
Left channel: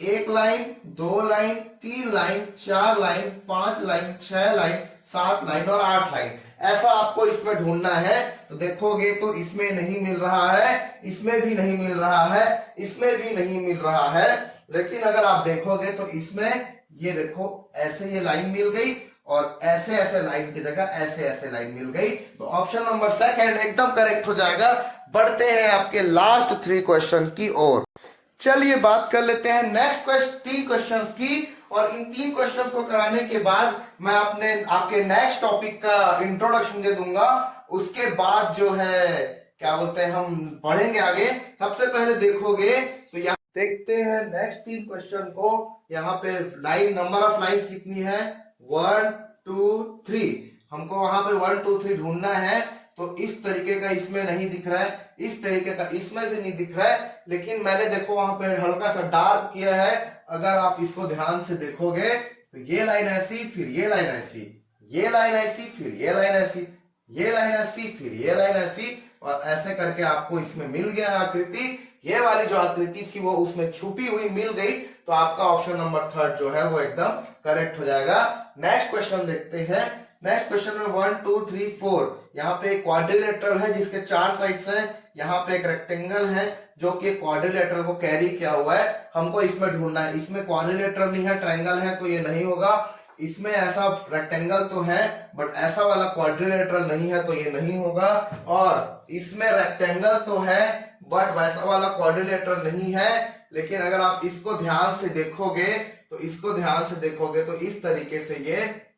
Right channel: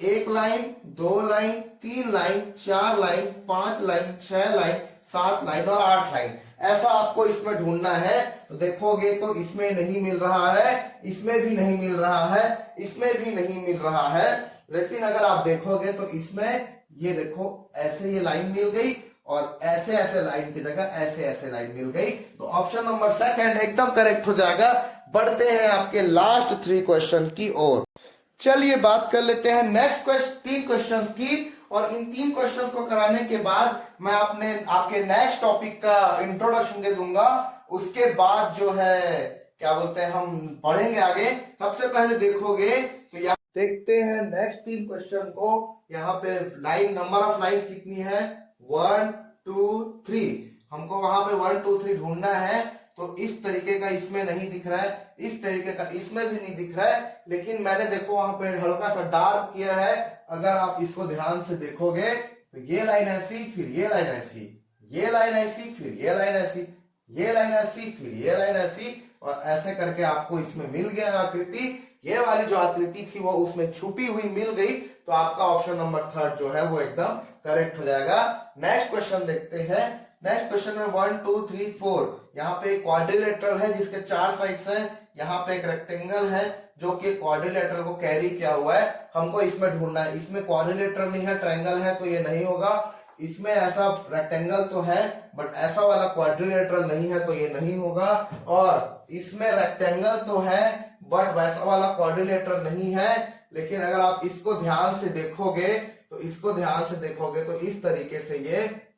1 line 2 line 3 line 4 line 5 line 6 line 7 line और 8 लाइन, ऐसा आपको इसमें ढूंढना है। तो देखोगे तो इसमें नहीं मिल रहा है, इसमें भी नहीं मिल रहा है, इसमें भी नहीं मिल रहा है, लेकिन अगर आप देखोगे तो इसमें ये देखो ऐसे ये लाइन मिल गई और ऐसे ऐसे लाइन की जगह ऐसे ऐसे लाइन मिल गई, तो ऑप्शन नंबर सेकंड एकदम करेक्ट हो जाएगा। बढ़ते हैं आपके लास्ट 3 क्वेश्चन की ओर। चलिए बात कर लेते हैं नेक्स्ट 3 क्वेश्चन की, और इन 3 क्वेश्चन को कराने के बाद मैं आपके नेक्स्ट टॉपिक का इंट्रोडक्शन दे दूंगा। उसके बाद जो है क्या बोलते हैं हम पढ़ेंगे आगे। सबसे पहले देखोगे तो यहाँ देखते हैं नेक्स्ट 3 क्वेश्चन को। यहाँ पे लाइन नंबर ऑफ लाइन कितनी है, 1 2 3। हमको वहां पे 1 2 3 ढूंढना है। तो इस तरीके का इसमें नहीं दिख रहा है, इस तरीके का इसमें भी नहीं दिख रहा है, लेकिन मैंने देखो वहां पे हल्का सा डार्क किया है। अगर आप इसको ध्यान से देखोगे तो ये लाइन ऐसी, फिर ये लाइन ऐसी, ये लाइन ऐसी, फिर ये लाइन ऐसी, ये लाइन ऐसी, फिर ये लाइन ऐसी, और ऐसे करके आपको इसमें मिल गया आकृति। ये वाली जो आकृति थी वो उसमें छुपी हुई मिल गई, तो आपका ऑप्शन नंबर 3 जो है वो एकदम करेक्ट हो जाएगा। नेक्स्ट क्वेश्चन देखते हैं। नेक्स्ट क्वेश्चन में 1 2 3 4, यहाँ पे क्वाड्रिलेटरल है जिसके 4 साइड्स हैं। यहाँ पे एक रेक्टेंगल है जो कि क्वाड्रिलेटरल को कैरी किया हुआ है। हमको इसमें ढूंढना है। इसमें क्वाड्रिलेटरल नहीं है, ट्रायंगल है, तो ये नहीं होगा। इसमें ऐसा रेक्टेंगल तो है बट ऐसा वाला क्वाड्रिलेटरल नहीं है, तो ये नहीं होगा। और इसमें रेक्टेंगल तो है बट वैसा वाला क्वाड्रिलेटरल नहीं है। लेकिन अगर आप इसको ध्यान से देखोगे तो इस तरीके से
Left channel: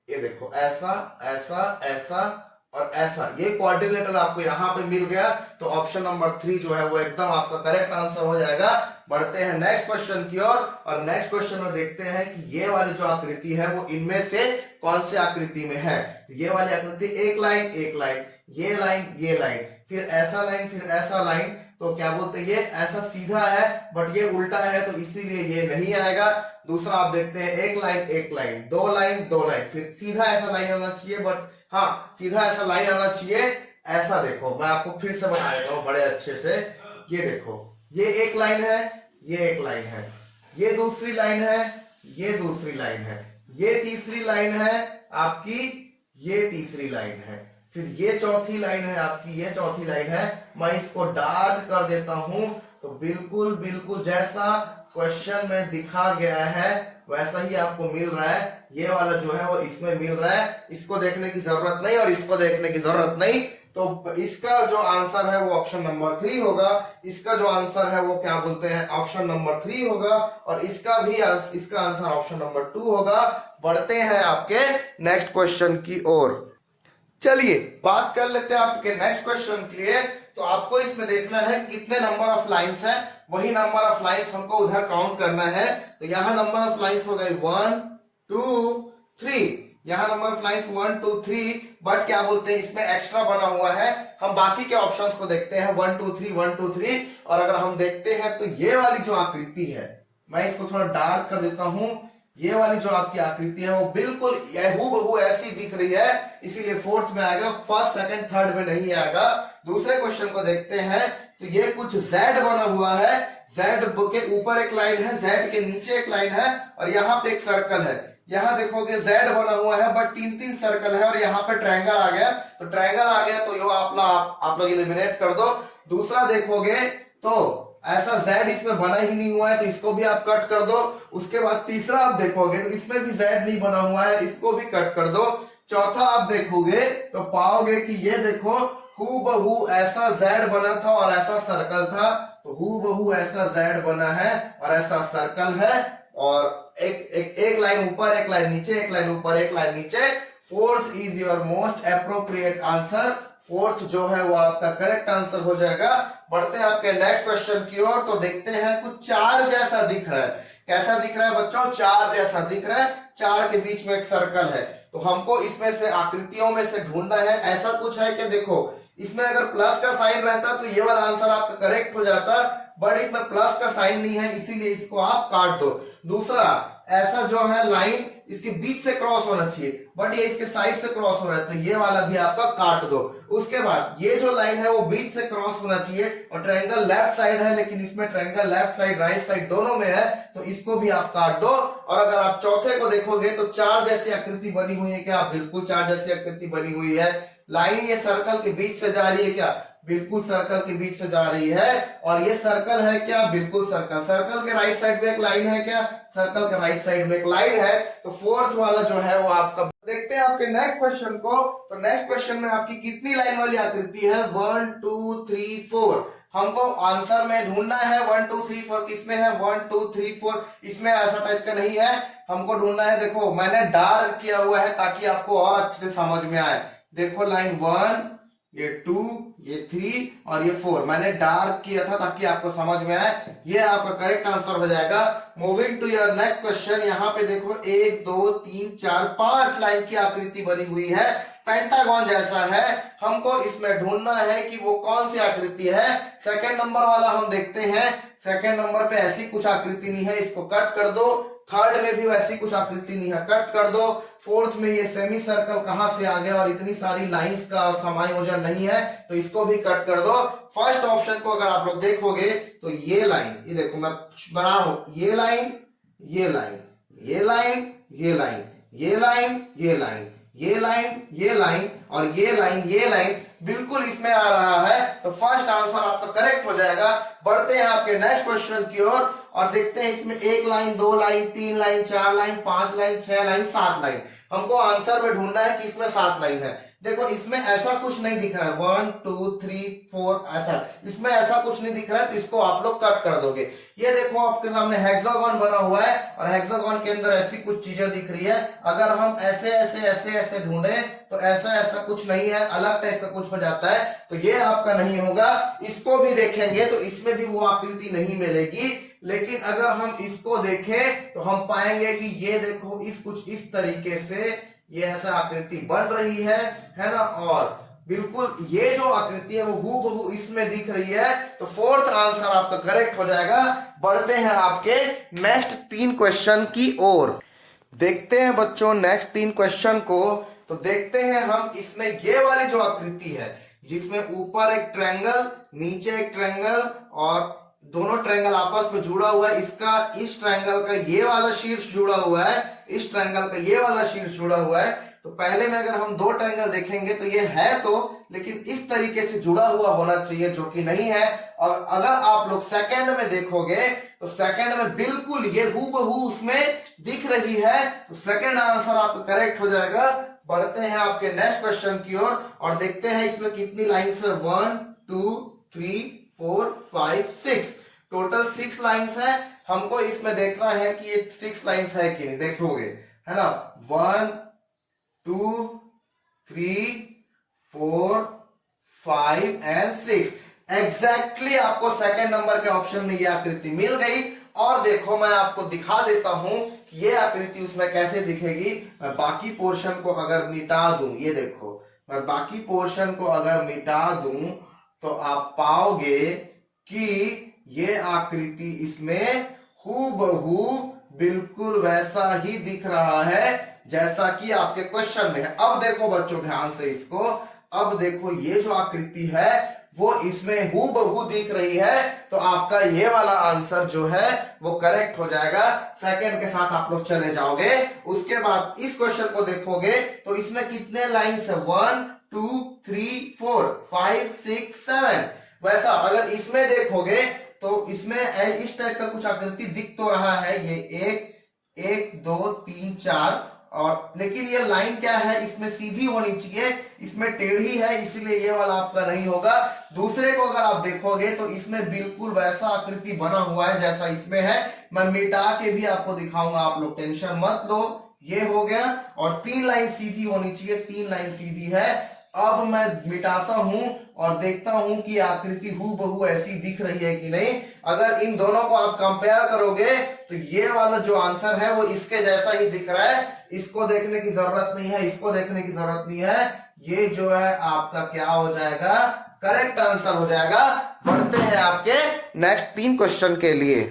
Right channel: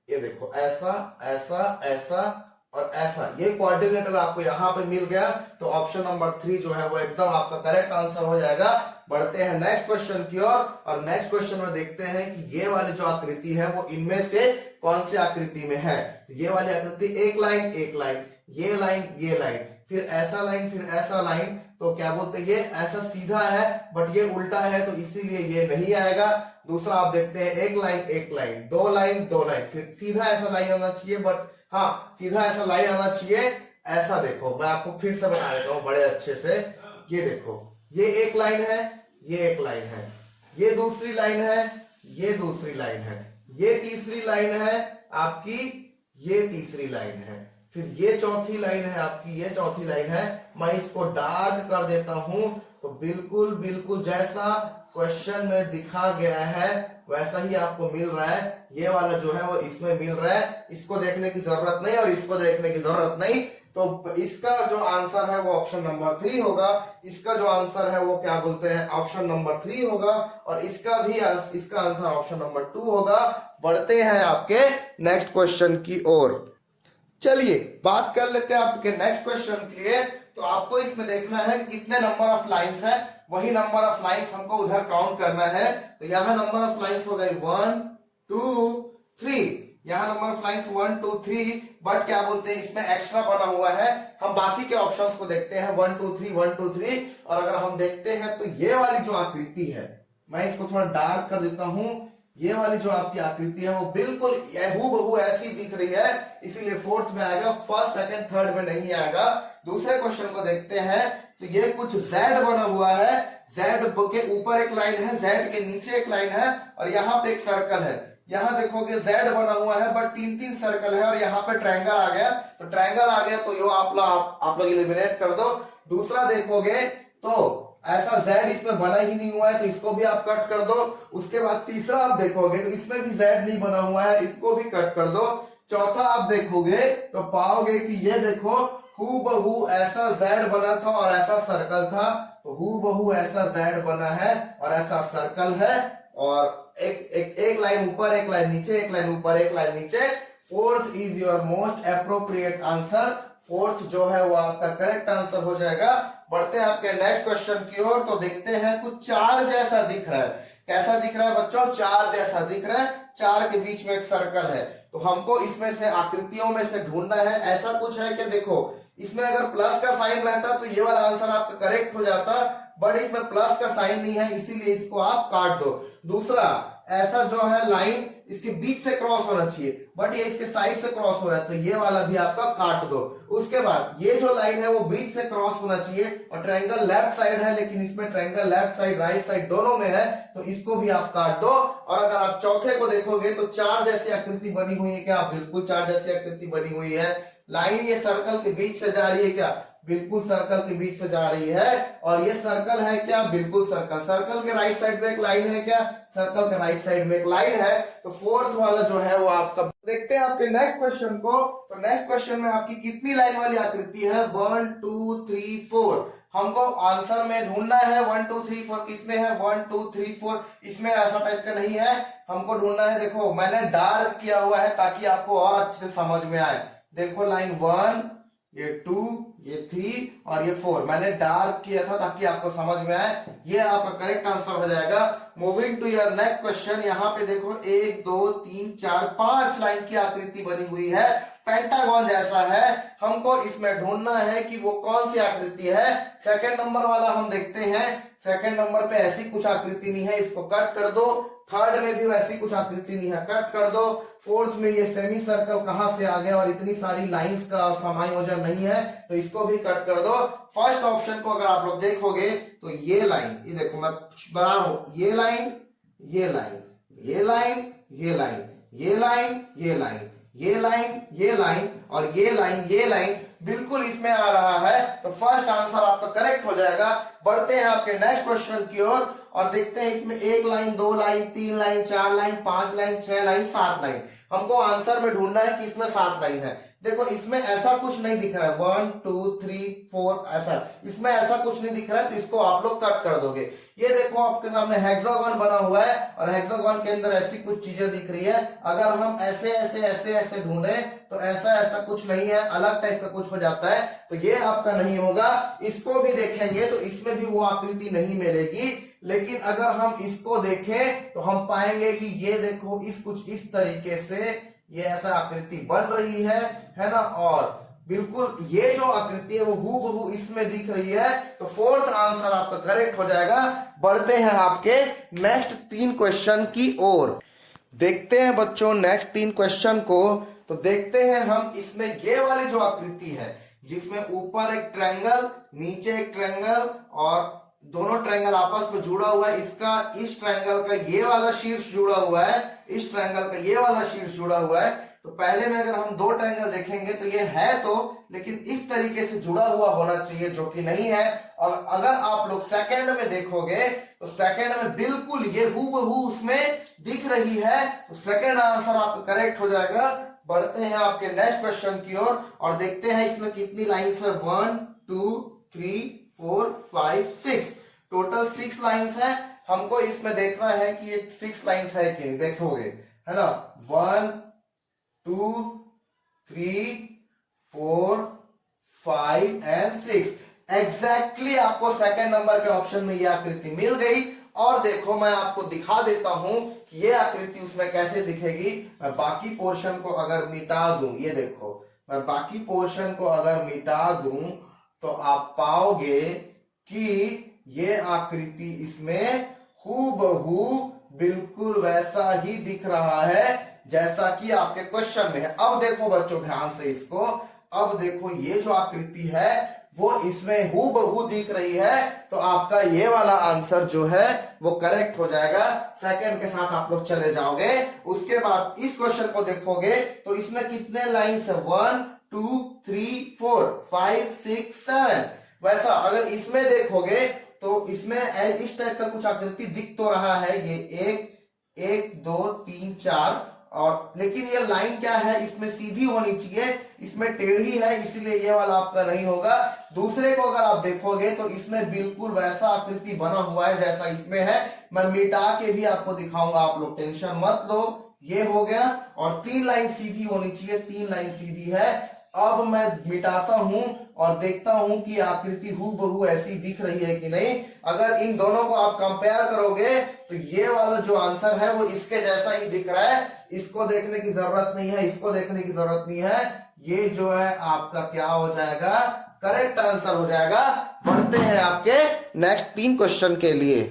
ये देखो, ऐसा ऐसा ऐसा और ऐसा, ये क्वाड्रिलेटरल आपको यहाँ पे मिल गया। तो ऑप्शन नंबर 3 जो है वो एकदम आपका करेक्ट आंसर हो जाएगा। बढ़ते हैं नेक्स्ट क्वेश्चन की ओर, और नेक्स्ट क्वेश्चन में देखते हैं कि ये वाली जो आकृति है वो इनमें से कौन सी आकृति में है। ये वाली आकृति एक लाइन, ये लाइन, ये लाइन, फिर ऐसा लाइन, फिर ऐसा लाइन, तो क्या बोलते हैं ये ऐसा सीधा है बट ये उल्टा है, तो इसीलिए ये नहीं आएगा। दूसरा आप देखते हैं एक लाइन, दो लाइन, फिर सीधा ऐसा लाइन आना चाहिए, बट हाँ सीधा ऐसा लाइन आना चाहिए। ऐसा देखो, मैं आपको फिर से बना देता हूँ बड़े अच्छे से। ये देखो, ये एक लाइन है, ये एक लाइन है, ये दूसरी लाइन है, ये दूसरी लाइन है, ये तीसरी लाइन है आपकी, ये तीसरी लाइन है, फिर ये चौथी लाइन है आपकी, ये चौथी लाइन है। मैं इसको डार्क कर देता हूं, तो बिल्कुल बिल्कुल जैसा क्वेश्चन में दिखा गया है वैसा ही आपको मिल रहा है। ये वाला जो है वो इसमें मिल रहा है, इसको देखने की जरूरत नहीं और इसको देखने की जरूरत नहीं। तो इसका जो आंसर है वो ऑप्शन नंबर 3 होगा। इसका जो आंसर है वो क्या बोलते हैं ऑप्शन नंबर 3 होगा, और इसका आंसर ऑप्शन नंबर 2 होगा। बढ़ते हैं आपके नेक्स्ट क्वेश्चन की ओर। चलिए बात कर लेते हैं आपके नेक्स्ट क्वेश्चन के लिए। तो आपको इसमें देखना है कितने नंबर ऑफ लाइंस है, वही नंबर ऑफ लाइंस हमको उधर काउंट करना है। तो यहाँ नंबर ऑफ लाइंस हो गए 1 2 3, यहाँ नंबर ऑफ लाइंस 1 2 3, बट क्या बोलते हैं इसमें एक्स्ट्रा बना हुआ है। हम बाकी के ऑप्शंस को देखते हैं 1 2 3 1 2 3, और अगर हम देखते हैं तो ये वाली जो आकृति है, मैं इसको थोड़ा डार्क कर देता हूं। ये वाली जो आपकी आकृति है वो बिल्कुल हूबहू ऐसी दिख रही है, इसीलिए 4th में आएगा, 1st 2nd 3rd में नहीं आएगा। दूसरे क्वेश्चन को देखते हैं। तो ये कुछ Z बना हुआ है, Z के ऊपर एक लाइन है, Z के नीचे एक लाइन है, और यहाँ पे एक सर्कल है। यहाँ देखोगे Z बना हुआ है बट 3 सर्कल है, और यहाँ पे ट्रायंगल आ गया। तो ट्रायंगल आ गया तो ये आप लोग एलिमिनेट कर दो। दूसरा देखोगे तो ऐसा Z इसमें बना ही नहीं हुआ है, तो इसको भी आप कट कर दो। उसके बाद तीसरा आप देखोगे तो इसमें भी Z नहीं बना हुआ है, इसको भी कट कर दो। चौथा आप देखोगे तो पाओगे कि ये देखो हूबहू ऐसा Z बना था और ऐसा सर्कल था, तो हूबहू ऐसा Z बना है और ऐसा सर्कल है, और एक लाइन ऊपर, एक लाइन नीचे, एक लाइन ऊपर, एक लाइन नीचे। 4th is your most appropriate answer. 4th जो है वो आपका करेक्ट आंसर हो जाएगा। बढ़ते हैं आपके नेक्स्ट क्वेश्चन की ओर। तो देखते हैं कुछ 4 जैसा दिख रहा है। कैसा दिख रहा है बच्चों? 4 जैसा दिख रहा है। 4 के बीच में एक सर्कल है, तो हमको इसमें से आकृतियों में से ढूंढना है। ऐसा कुछ है कि देखो इसमें अगर प्लस का साइन रहता तो ये वाला आंसर आपका करेक्ट हो जाता, बट इसमें प्लस का साइन नहीं है, इसीलिए इसको आप काट दो। दूसरा, ऐसा जो है लाइन इसके बीच से क्रॉस होना चाहिए, बट ये इसके साइड से क्रॉस हो रहा है, तो ये वाला भी आपका काट दो। उसके बाद ये जो लाइन है वो बीच से क्रॉस होना चाहिए, और ट्रायंगल लेफ्ट साइड है, लेकिन इसमें triangle left side right side दोनों में है, तो इसको भी आप काट दो। और अगर आप चौथे को देखोगे तो 4 जैसी आकृति बनी हुई है क्या? बिल्कुल 4 जैसी आकृति बनी हुई है। लाइन ये सर्कल के बीच से जा रही है क्या? बिल्कुल सर्कल के बीच से जा रही है, और ये सर्कल है क्या, बिल्कुल सर्कल। सर्कल के राइट साइड में एक लाइन है क्या, सर्कल के राइट साइड में एक लाइन है। तो फोर्थ वाला जो है वो आपका, देखते हैं आपके नेक्स्ट क्वेश्चन को। तो नेक्स्ट क्वेश्चन में आपकी कितनी लाइन वाली आकृति है, 1 2 3 4। हमको आंसर में ढूंढना है 1 2 3 4 किसमें है, 1 2 3 4 इसमें ऐसा टाइप का नहीं है, हमको ढूंढना है। देखो मैंने डार्क किया हुआ है ताकि आपको और अच्छे से समझ में आए। देखो लाइन 1, ये 2, ये 3 और ये 4 मैंने डार्क किया था ताकि आपको समझ में आए। ये आपका करेक्ट आंसर हो जाएगा। Moving to your next question, यहाँ पे देखो 1 2 3 4 5 लाइन की आकृति बनी हुई है, पेंटागन जैसा है। हमको इसमें ढूंढना है कि वो कौन सी आकृति है। सेकंड नंबर वाला हम देखते हैं, सेकंड नंबर पे ऐसी कुछ आकृति नहीं है, इसको कट कर दो। थर्ड में भी वैसी कुछ आकृति नहीं है, कट कर दो। फोर्थ में ये सेमी सर्कल कहां से आ गया और इतनी सारी लाइंस का समायोजन नहीं है, तो इसको भी कट कर दो। फर्स्ट ऑप्शन को अगर आप लोग देखोगे तो ये लाइन, ये देखो मैं बना रहा हूं, ये लाइन, ये लाइन, ये लाइन, ये लाइन, ये लाइन, ये लाइन, ये लाइन, ये लाइन और ये लाइन, ये लाइन बिल्कुल इसमें आ रहा है। तो फर्स्ट आंसर आपका करेक्ट हो जाएगा। बढ़ते हैं आपके नेक्स्ट क्वेश्चन की ओर और देखते हैं इसमें 1 line, 2 line, 3 line, 4 line, 5 line, 6 line, 7 line. हमको आंसर में ढूंढना है कि इसमें 7 लाइन है। देखो इसमें ऐसा कुछ नहीं दिख रहा है, 1 2 3 4 ऐसा, इसमें ऐसा कुछ नहीं दिख रहा है, तो इसको आप लोग कट कर दोगे। ये देखो आपके सामने हेक्सागोन बना हुआ है और हेक्सागोन के अंदर ऐसी कुछ चीजें दिख रही है। अगर हम ऐसे ऐसे ऐसे ऐसे ढूंढे तो ऐसा ऐसा कुछ नहीं है, अलग टाइप का कुछ हो जाता है, तो ये आपका नहीं होगा। इसको भी देखेंगे तो इसमें भी वो आकृति नहीं मिलेगी, लेकिन अगर हम इसको देखें तो हम पाएंगे कि ये देखो इस कुछ इस तरीके से ये ऐसा आकृति बन रही है ना। और बिल्कुल ये जो आकृति है वो हूबहू इसमें दिख रही है। तो फोर्थ आंसर आपका करेक्ट हो जाएगा। बढ़ते हैं आपके नेक्स्ट 3 क्वेश्चन की ओर। देखते हैं बच्चों नेक्स्ट 3 क्वेश्चन को। तो देखते हैं हम इसमें ये वाली जो आकृति है जिसमें ऊपर एक ट्रायंगल, नीचे एक ट्रायंगल और दोनों ट्रायंगल आपस में जुड़ा हुआ है। इसका इस ट्रायंगल का ये वाला शीर्ष जुड़ा हुआ है, इस ट्रायंगल का ये वाला शीर्ष जुड़ा हुआ है। तो पहले में अगर हम 2 ट्रायंगल देखेंगे तो ये है तो, लेकिन इस तरीके से जुड़ा हुआ होना चाहिए जो कि नहीं है। और अगर आप लोग सेकंड में देखोगे तो सेकंड में बिल्कुल ये हूबहू उसमें दिख रही है। तो सेकंड आंसर आपका करेक्ट हो जाएगा। बढ़ते हैं आपके नेक्स्ट क्वेश्चन की ओर और देखते हैं इसमें कितनी लाइंस है, 1 2 3 4 5 6, टोटल 6 लाइंस है। हमको इसमें देखना है कि ये 6 लाइंस है कि नहीं, देखोगे है ना। 1 2 3 4 5 एंड 6 एग्जैक्टली आपको सेकंड नंबर के ऑप्शन में ये आकृति मिल गई। और देखो मैं आपको दिखा देता हूं कि ये आकृति उसमें कैसे दिखेगी। मैं बाकी पोर्शन को अगर मिटा दूं, ये देखो मैं बाकी पोर्शन को अगर मिटा दूं तो आप पाओगे कि ये आकृति इसमें हूबहू बिल्कुल वैसा ही दिख रहा है जैसा कि आपके क्वेश्चन में है। अब देखो बच्चों ध्यान से इसको, अब देखो ये जो आकृति है वो इसमें हूबहू दिख रही है। तो आपका ये वाला आंसर जो है वो करेक्ट हो जाएगा। सेकंड के साथ आप लोग चले जाओगे। उसके बाद इस क्वेश्चन को देखोगे तो इसमें कितने लाइंस है, 1 2 3 4 5 6 7। वैसा अगर इसमें देखोगे तो इसमें इस टाइप का कुछ आकृति दिख तो रहा है, ये 1 2 3 4, और लेकिन ये लाइन क्या है, इसमें सीधी होनी चाहिए, इसमें टेढ़ी है, इसीलिए ये वाला आपका नहीं होगा। दूसरे को अगर आप देखोगे तो इसमें बिल्कुल वैसा आकृति बना हुआ है जैसा इसमें है। मैं मिटा के भी आपको दिखाऊंगा, आप लोग टेंशन मत लो। ये हो गया और 3 लाइन सीधी होनी चाहिए, 3 लाइन सीधी है। अब मैं मिटाता हूं और देखता हूं कि आकृति हूबहू ऐसी दिख रही है कि नहीं। अगर इन दोनों को आप कंपेयर करोगे तो ये वाला जो आंसर है वो इसके जैसा ही दिख रहा है। इसको देखने की जरूरत नहीं है, इसको देखने की जरूरत नहीं है। ये जो है आपका क्या हो जाएगा, करेक्ट आंसर हो जाएगा। बढ़ते हैं आपके नेक्स्ट 3 क्वेश्चन के लिए।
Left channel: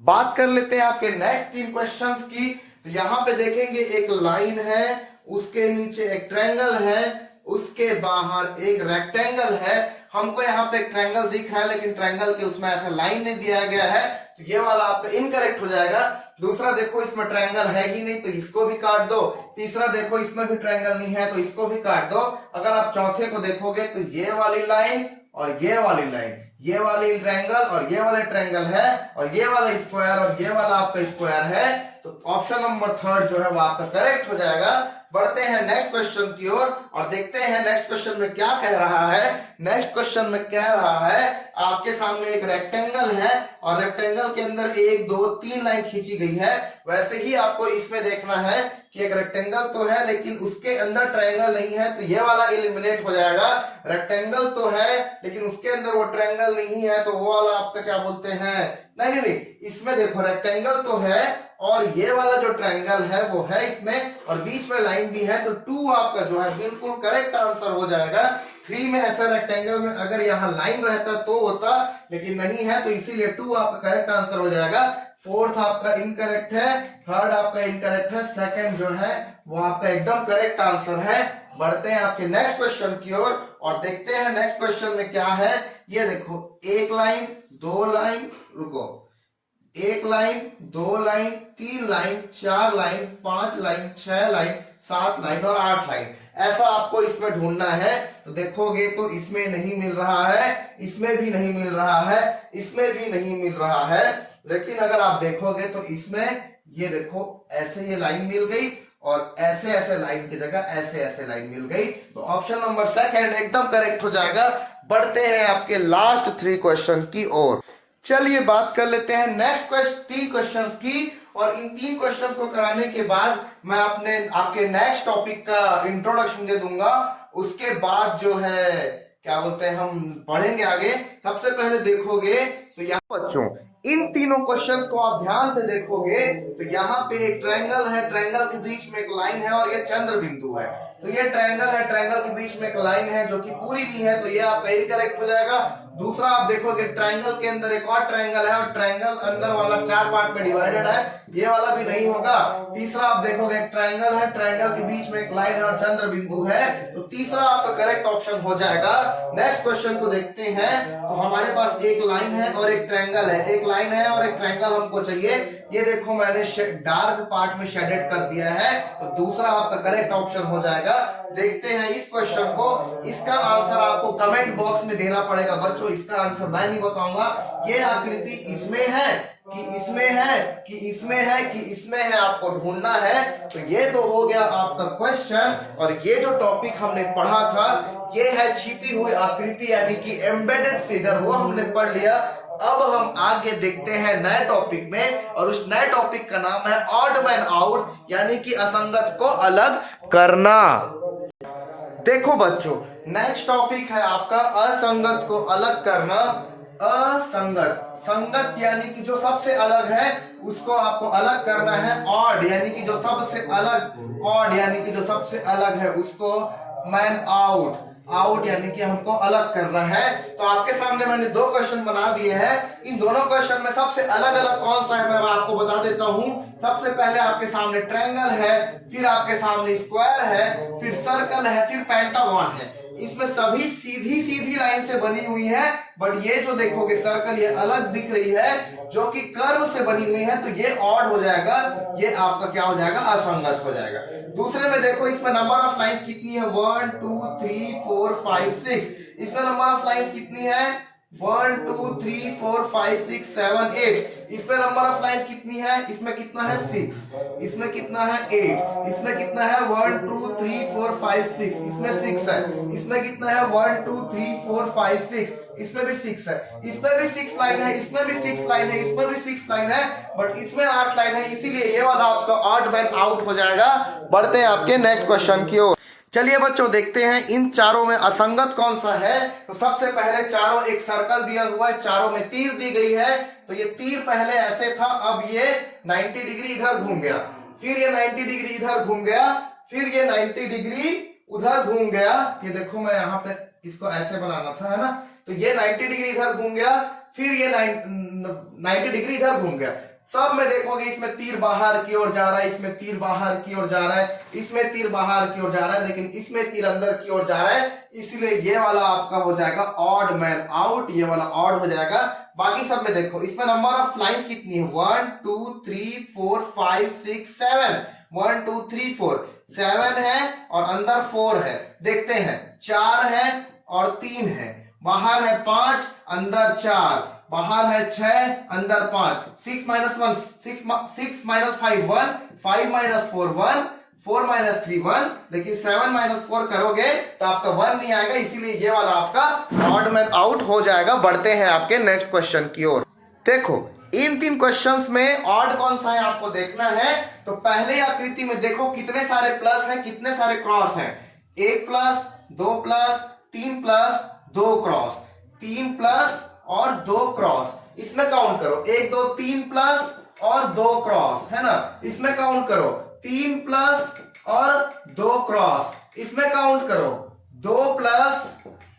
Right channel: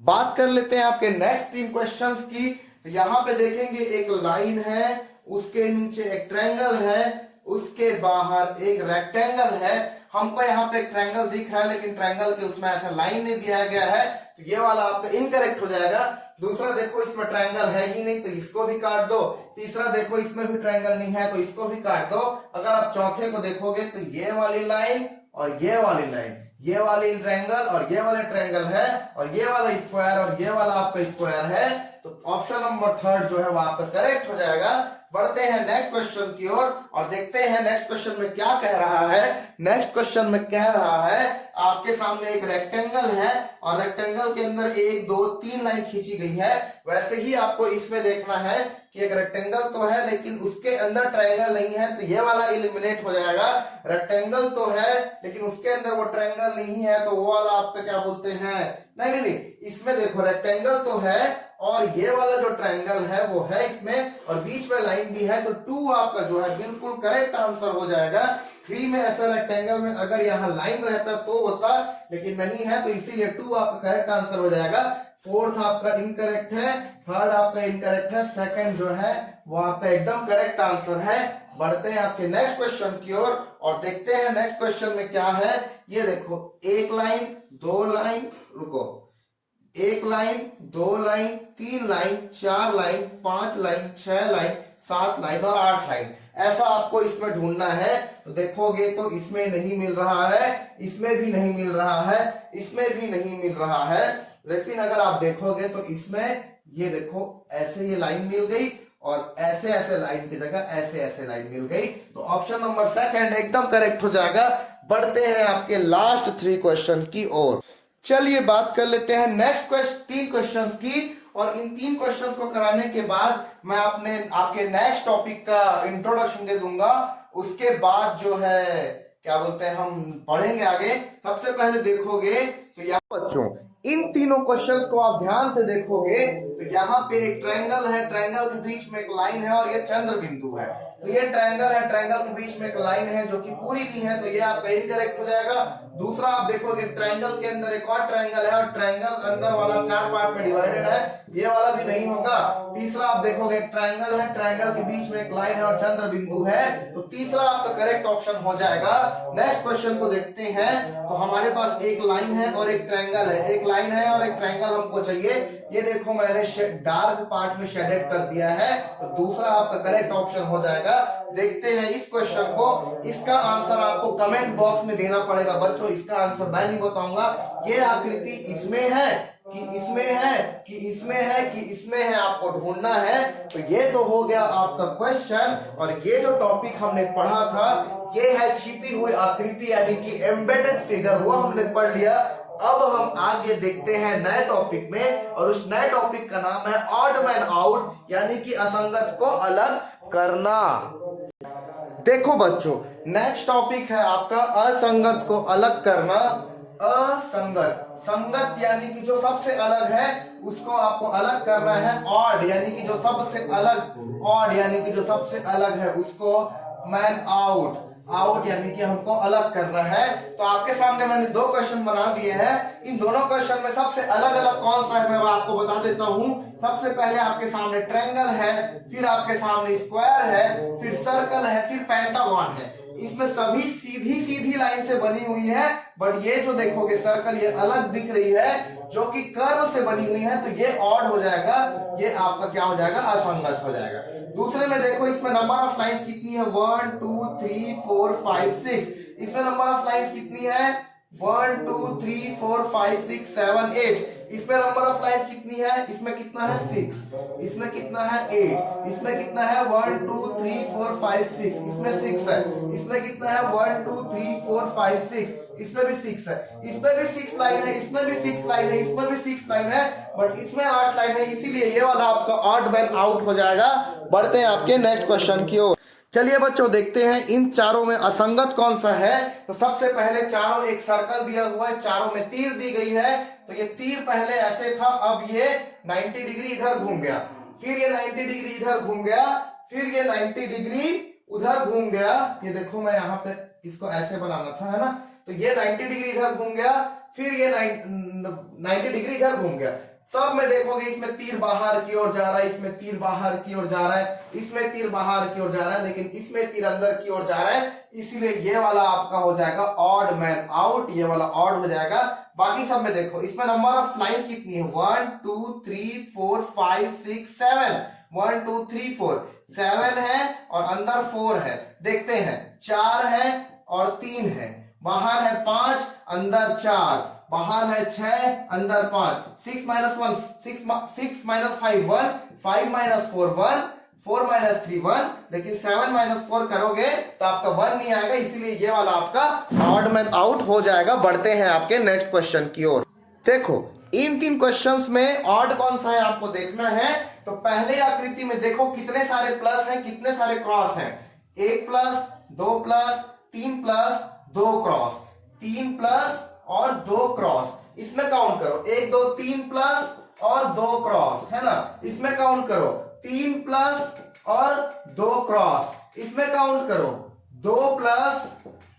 बात कर लेते हैं आपके नेक्स्ट 3 क्वेश्चंस की। तो यहाँ पे देखेंगे एक लाइन है, उसके नीचे एक ट्रायंगल है, उसके बाहर एक रेक्टेंगल है। हमको यहाँ पे एक ट्रायंगल दिख रहा है लेकिन ट्रायंगल के उसमें ऐसा लाइन नहीं दिया गया है, तो ये वाला आपका इनकरेक्ट हो जाएगा। दूसरा देखो इसमें ट्रायंगल है ही नहीं, तो इसको भी काट दो। तीसरा देखो इसमें भी ट्रायंगल नहीं है, तो इसको भी काट दो। अगर आप चौथे को देखोगे तो ये वाली लाइन और ये वाली लाइन, ये वाली ट्रायंगल और ये वाला ट्रायंगल है, और ये वाला स्क्वायर और ये वाला आपका स्क्वायर है, तो ऑप्शन नंबर थर्ड जो है वो आपका करेक्ट हो जाएगा। बढ़ते हैं नेक्स्ट क्वेश्चन की ओर और देखते हैं नेक्स्ट क्वेश्चन में क्या कह रहा है। नेक्स्ट क्वेश्चन में कह रहा है आपके सामने एक रेक्टेंगल है और रेक्टेंगल के अंदर 1 2 3 लाइन खींची गई है। वैसे ही आपको इसमें देखना है कि एक रेक्टेंगल तो है लेकिन उसके अंदर ट्रायंगल नहीं है, तो ये वाला एलिमिनेट हो जाएगा। रेक्टेंगल तो है लेकिन उसके अंदर वो ट्रायंगल नहीं है, तो वो वाला आपका क्या बोलते हैं, नहीं, इसमें देखो रेक्टेंगल तो है और ये वाला जो ट्रायंगल है वो है इसमें, और बीच में लाइन भी है, तो 2 आपका जो है बिल्कुल करेक्ट आंसर हो जाएगा। 3 में ऐसा रेक्टेंगल में अगर यहाँ लाइन रहता तो होता, लेकिन नहीं है, तो इसीलिए 2 आपका करेक्ट आंसर हो जाएगा। फोर्थ आपका इनकरेक्ट है, थर्ड आपका इनकरेक्ट है, सेकंड जो है वो आपका एकदम करेक्ट आंसर है। बढ़ते हैं आपके नेक्स्ट क्वेश्चन की ओर और देखते हैं नेक्स्ट क्वेश्चन में क्या है। ये देखो, 1 लाइन 2 लाइन, रुको, 1 line 2 line 3 line 4 line 5 line 6 line 7 line और 8 लाइन, ऐसा आपको इसमें ढूंढना है। तो देखोगे तो इसमें नहीं मिल रहा है, इसमें भी नहीं मिल रहा है, इसमें भी नहीं मिल रहा है, लेकिन अगर आप देखोगे तो इसमें ये देखो ऐसे ये लाइन मिल गई और ऐसे ऐसे लाइन की जगह ऐसे ऐसे लाइन मिल गई, तो ऑप्शन नंबर सेकंड एकदम करेक्ट हो जाएगा। बढ़ते हैं आपके लास्ट 3 क्वेश्चन की ओर। चलिए बात कर लेते हैं नेक्स्ट 3 क्वेश्चंस की, और इन 3 क्वेश्चंस को कराने के बाद मैं आपके नेक्स्ट टॉपिक का इंट्रोडक्शन दे दूंगा। उसके बाद जो है क्या बोलते हैं हम पढ़ेंगे आगे। सबसे पहले देखोगे तो यहाँ बच्चों इन तीनों क्वेश्चंस को आप ध्यान से देखोगे तो यहाँ पे एक ट्रायंगल है, ट्रायंगल के बीच में एक लाइन है और ये चंद्र बिंदु है। तो ये ट्रायंगल है, ट्रायंगल के बीच में एक लाइन है जो कि पूरी नहीं है, तो ये आपका इनकरेक्ट हो जाएगा। दूसरा आप देखोगे ट्रायंगल के अंदर एक और ट्रायंगल है और ट्रायंगल अंदर वाला 4 पार्ट में डिवाइडेड है, ये वाला भी नहीं होगा। तीसरा आप देखोगे एक ट्रायंगल है, ट्रायंगल के बीच में एक लाइन है और चंद्र बिंदु है, तो तीसरा आपका करेक्ट ऑप्शन हो जाएगा। नेक्स्ट क्वेश्चन को देखते हैं। तो हमारे पास एक लाइन है और एक ट्रायंगल है, एक लाइन है और एक ट्रायंगल हमको चाहिए। ये देखो मैंने डार्क पार्ट में शेडेड कर दिया है, तो दूसरा आपका करेक्ट ऑप्शन हो जाएगा। देखते हैं इस क्वेश्चन को, इसका आंसर आपको कमेंट बॉक्स में देना पड़ेगा बच्चों, इसका आंसर मैं नहीं बताऊंगा। ये आकृति इसमें है कि इसमें है कि इसमें है कि इसमें है, आपको ढूंढना है। तो ये तो हो गया आपका क्वेश्चन, और ये जो टॉपिक हमने पढ़ा था ये है छिपी हुई आकृति यानी कि एम्बेडेड फिगर, वो हमने पढ़ लिया। अब हम आगे देखते हैं नए टॉपिक में, और उस नए टॉपिक का नाम है ऑड मैन आउट, यानी कि असंगत को अलग करना। देखो बच्चों, नेक्स्ट टॉपिक है आपका असंगत को अलग करना। असंगत, संगत यानी कि जो सबसे अलग है उसको आपको अलग करना है। ऑड यानी कि जो सबसे अलग, ऑड यानी कि जो सबसे अलग है उसको मैन आउट, आउट यानी कि हमको अलग करना है। तो आपके सामने मैंने 2 क्वेश्चन बना दिए हैं। इन दोनों क्वेश्चन में सबसे अलग अलग कौन सा है मैं आपको बता देता हूं। सबसे पहले आपके सामने ट्रायंगल है, फिर आपके सामने स्क्वायर है, फिर सर्कल है, फिर पेंटागन है। इसमें सभी सीधी सीधी लाइन से बनी हुई है, बट ये जो देखोगे सर्कल ये अलग दिख रही है जो कि कर्व से बनी हुई है, तो ये ऑड हो जाएगा, ये आपका क्या हो जाएगा, असंगत हो जाएगा। दूसरे में देखो इसमें नंबर ऑफ लाइंस कितनी है, 1 2 3 4 5 6। इसमें नंबर ऑफ लाइंस कितनी है, 1 2 3 4 5 6 7 8। इसमें नंबर ऑफ लाइंस कितनी है, इसमें कितना है 6, इसमें कितना है 8, इसमें कितना है 1 2 3 4 5 6, इसमें 6 है, इसमें कितना है 1 2 3 4 5 6, इसमें भी 6 है, इसमें भी 6 लाइन है, इसमें भी 6 लाइन है, इसमें भी 6 लाइन है, बट इसमें 8 लाइन है, इसीलिए ये वाला आपका ऑड मैन आउट हो जाएगा। बढ़ते हैं आपके नेक्स्ट क्वेश्चन की ओर। चलिए बच्चों देखते हैं इन चारों में असंगत कौन सा है। तो सबसे पहले चारों एक सर्कल दिया हुआ है, चारों में तीर दी गई है। तो ये तीर पहले ऐसे था, अब ये 90 डिग्री इधर घूम गया, फिर ये 90 डिग्री इधर घूम गया, फिर ये 90 डिग्री उधर घूम गया। ये देखो मैं यहाँ पे इसको ऐसे बनाना था, है ना, तो ये 90 डिग्री इधर घूम गया, फिर ये 90 डिग्री इधर घूम गया। सब में देखोगे इसमें तीर बाहर की ओर जा रहा है, इसमें तीर बाहर की ओर जा रहा है, इसमें तीर बाहर की ओर जा रहा है, लेकिन इसमें तीर अंदर की ओर जा रहा है, इसलिए ये वाला आपका हो जाएगा ऑड मैन आउट, ये वाला ऑड हो जाएगा। बाकी सब में देखो इसमें नंबर ऑफ लाइंस कितनी है, 1 2 3 4 5 6 7, 1 2 3 4 7 है और अंदर 4 है। देखते हैं 4 है और 3 है बाहर है 5 अंदर 4, बाहर है 6 अंदर 5, 6 माइनस 1 6 माइनस 5 1, 5 माइनस 4 1, 4 माइनस 3 1, लेकिन 7 माइनस 4 करोगे तो आपका 1 नहीं आएगा, इसीलिए ये वाला आपका ऑड मैन आउट हो जाएगा। बढ़ते हैं आपके नेक्स्ट क्वेश्चन की ओर। देखो इन 3 क्वेश्चंस में ऑड कौन सा है आपको देखना है। तो पहले आकृति में देखो कितने सारे प्लस हैं, कितने सारे क्रॉस हैं। 1 plus 2 plus 3 plus 2 cross, 3 plus और 2 क्रॉस, इसमें काउंट करो 1 2 3 प्लस और 2 क्रॉस, है ना। इसमें काउंट करो 3 प्लस और 2 क्रॉस, इसमें काउंट करो 2 प्लस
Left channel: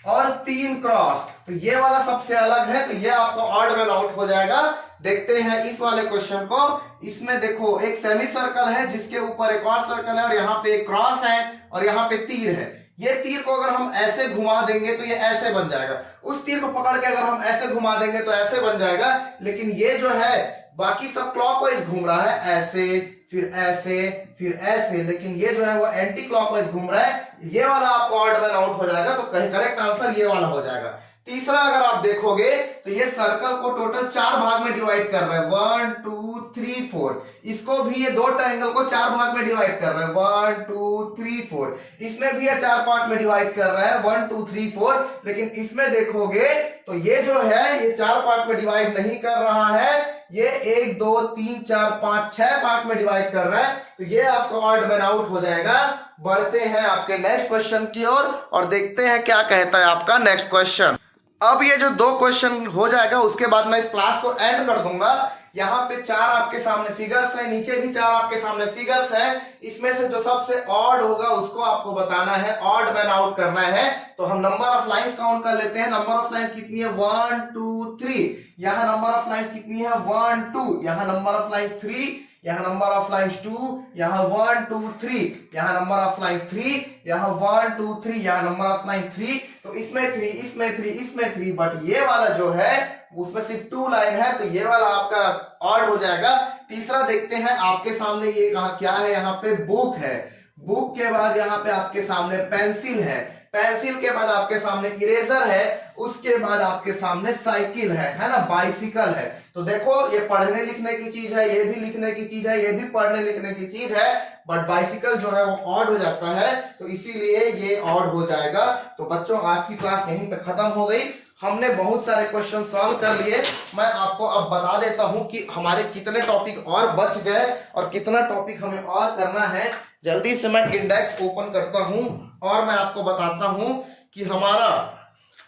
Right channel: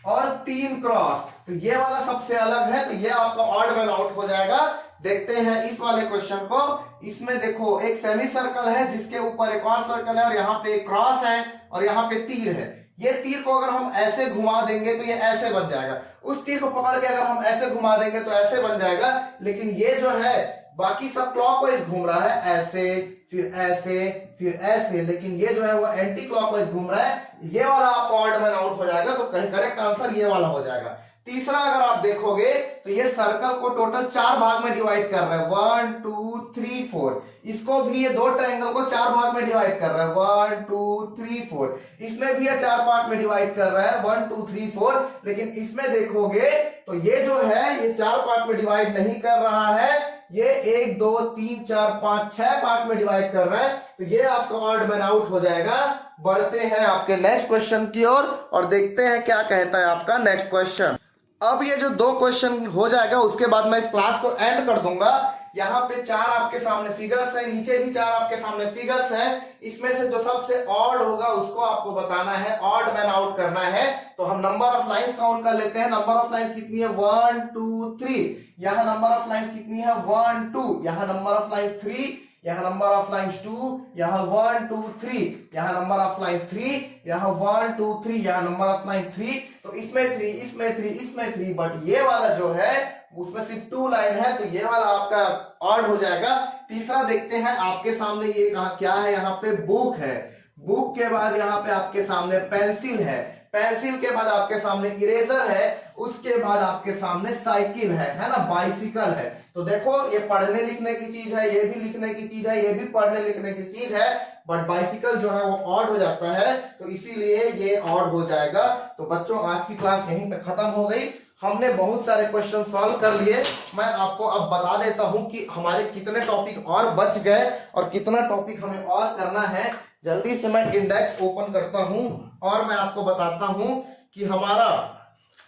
और 3 क्रॉस। तो ये वाला सबसे अलग है, तो ये आपका ऑड मैन आउट हो जाएगा। देखते हैं इस वाले क्वेश्चन को। इसमें देखो एक सेमी सर्कल है जिसके ऊपर एक और सर्कल है और यहाँ पे एक क्रॉस है और यहाँ पे तीर है। ये तीर को अगर हम ऐसे घुमा देंगे तो ये ऐसे बन जाएगा, उस तीर को पकड़ के अगर हम ऐसे घुमा देंगे तो ऐसे बन जाएगा, लेकिन ये जो है बाकी सब क्लॉकवाइज घूम रहा है, ऐसे फिर ऐसे फिर ऐसे, लेकिन ये जो है वो एंटी क्लॉकवाइज घूम रहा है। ये वाला आपका ऑड मैन आउट हो जाएगा, तो करेक्ट आंसर ये वाला हो जाएगा। तीसरा अगर आप देखोगे तो ये सर्कल को टोटल 4 भाग में डिवाइड कर रहा है, 1 2 3 4। इसको भी ये 2 ट्रायंगल को 4 भाग में डिवाइड कर रहा है, 1 2 3 4। इसमें भी ये 4 पार्ट में डिवाइड कर रहा है, 1 2 3 4। लेकिन इसमें देखोगे तो ये जो है ये 4 पार्ट में डिवाइड नहीं कर रहा है, ये 1 2 3 4 5 6 पार्ट में डिवाइड कर रहा है। तो ये आपका ऑड मैन आउट हो जाएगा। बढ़ते हैं आपके नेक्स्ट क्वेश्चन की ओर और देखते हैं क्या कहता है आपका नेक्स्ट क्वेश्चन। अब ये जो 2 क्वेश्चन हो जाएगा उसके बाद मैं इस क्लास को एंड कर दूंगा। यहाँ पे 4 आपके सामने फिगर्स है, नीचे भी 4 आपके सामने फिगर्स है। इसमें से जो सबसे ऑड होगा उसको आपको बताना है, ऑड मैन आउट करना है। तो हम नंबर ऑफ लाइंस काउंट कर लेते हैं। नंबर ऑफ लाइंस कितनी है, 1 2 3। यहाँ नंबर ऑफ लाइंस कितनी है, 1 2। यहाँ नंबर ऑफ लाइंस 3, यहाँ नंबर ऑफ लाइंस 2, यहाँ 1 2 3, यहाँ नंबर ऑफ लाइंस 3, यहाँ 1 2 3, यहाँ नंबर ऑफ लाइंस 3। तो इसमें 3, इसमें 3, इसमें 3, बट ये वाला जो है उसमें सिर्फ 2 लाइन है, तो ये वाला आपका ऑड हो जाएगा। तीसरा देखते हैं आपके सामने ये कहा क्या है, यहाँ पे बुक है, बुक के बाद यहाँ पे आपके सामने पेंसिल है, पेंसिल के बाद आपके सामने इरेजर है, उसके बाद आपके सामने साइकिल है ना, बाइसिकल है। तो देखो ये पढ़ने लिखने की चीज है, ये भी लिखने की चीज है, ये भी पढ़ने लिखने की चीज है, बट बाइसिकल जो है वो ऑड हो जाता है, तो इसीलिए ये ऑड हो जाएगा। तो बच्चों आज की क्लास यहीं तक खत्म हो गई। हमने बहुत सारे क्वेश्चन सॉल्व कर लिए। मैं आपको अब बता देता हूं कि हमारे कितने टॉपिक और बच गए और कितना टॉपिक हमें और करना है। जल्दी से मैं इंडेक्स ओपन करता हूं और मैं आपको बताता हूं कि हमारा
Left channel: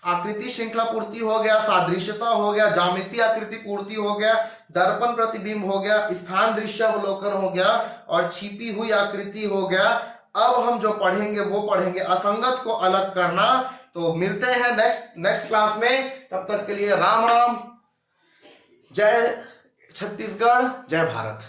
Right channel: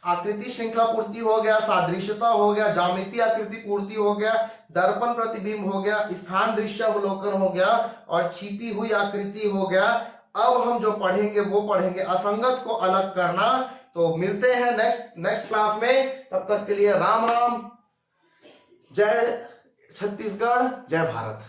आकृति श्रृंखला पूर्ति हो गया, सादृश्यता हो गया, ज्यामितीय आकृति पूर्ति हो गया, दर्पण प्रतिबिंब हो गया, स्थान दृश्यावलोकन हो गया और छिपी हुई आकृति हो गया। अब हम जो पढ़ेंगे वो पढ़ेंगे असंगत को अलग करना। तो मिलते हैं नेक्स्ट क्लास में, तब तक के लिए राम राम, जय छत्तीसगढ़, जय भारत।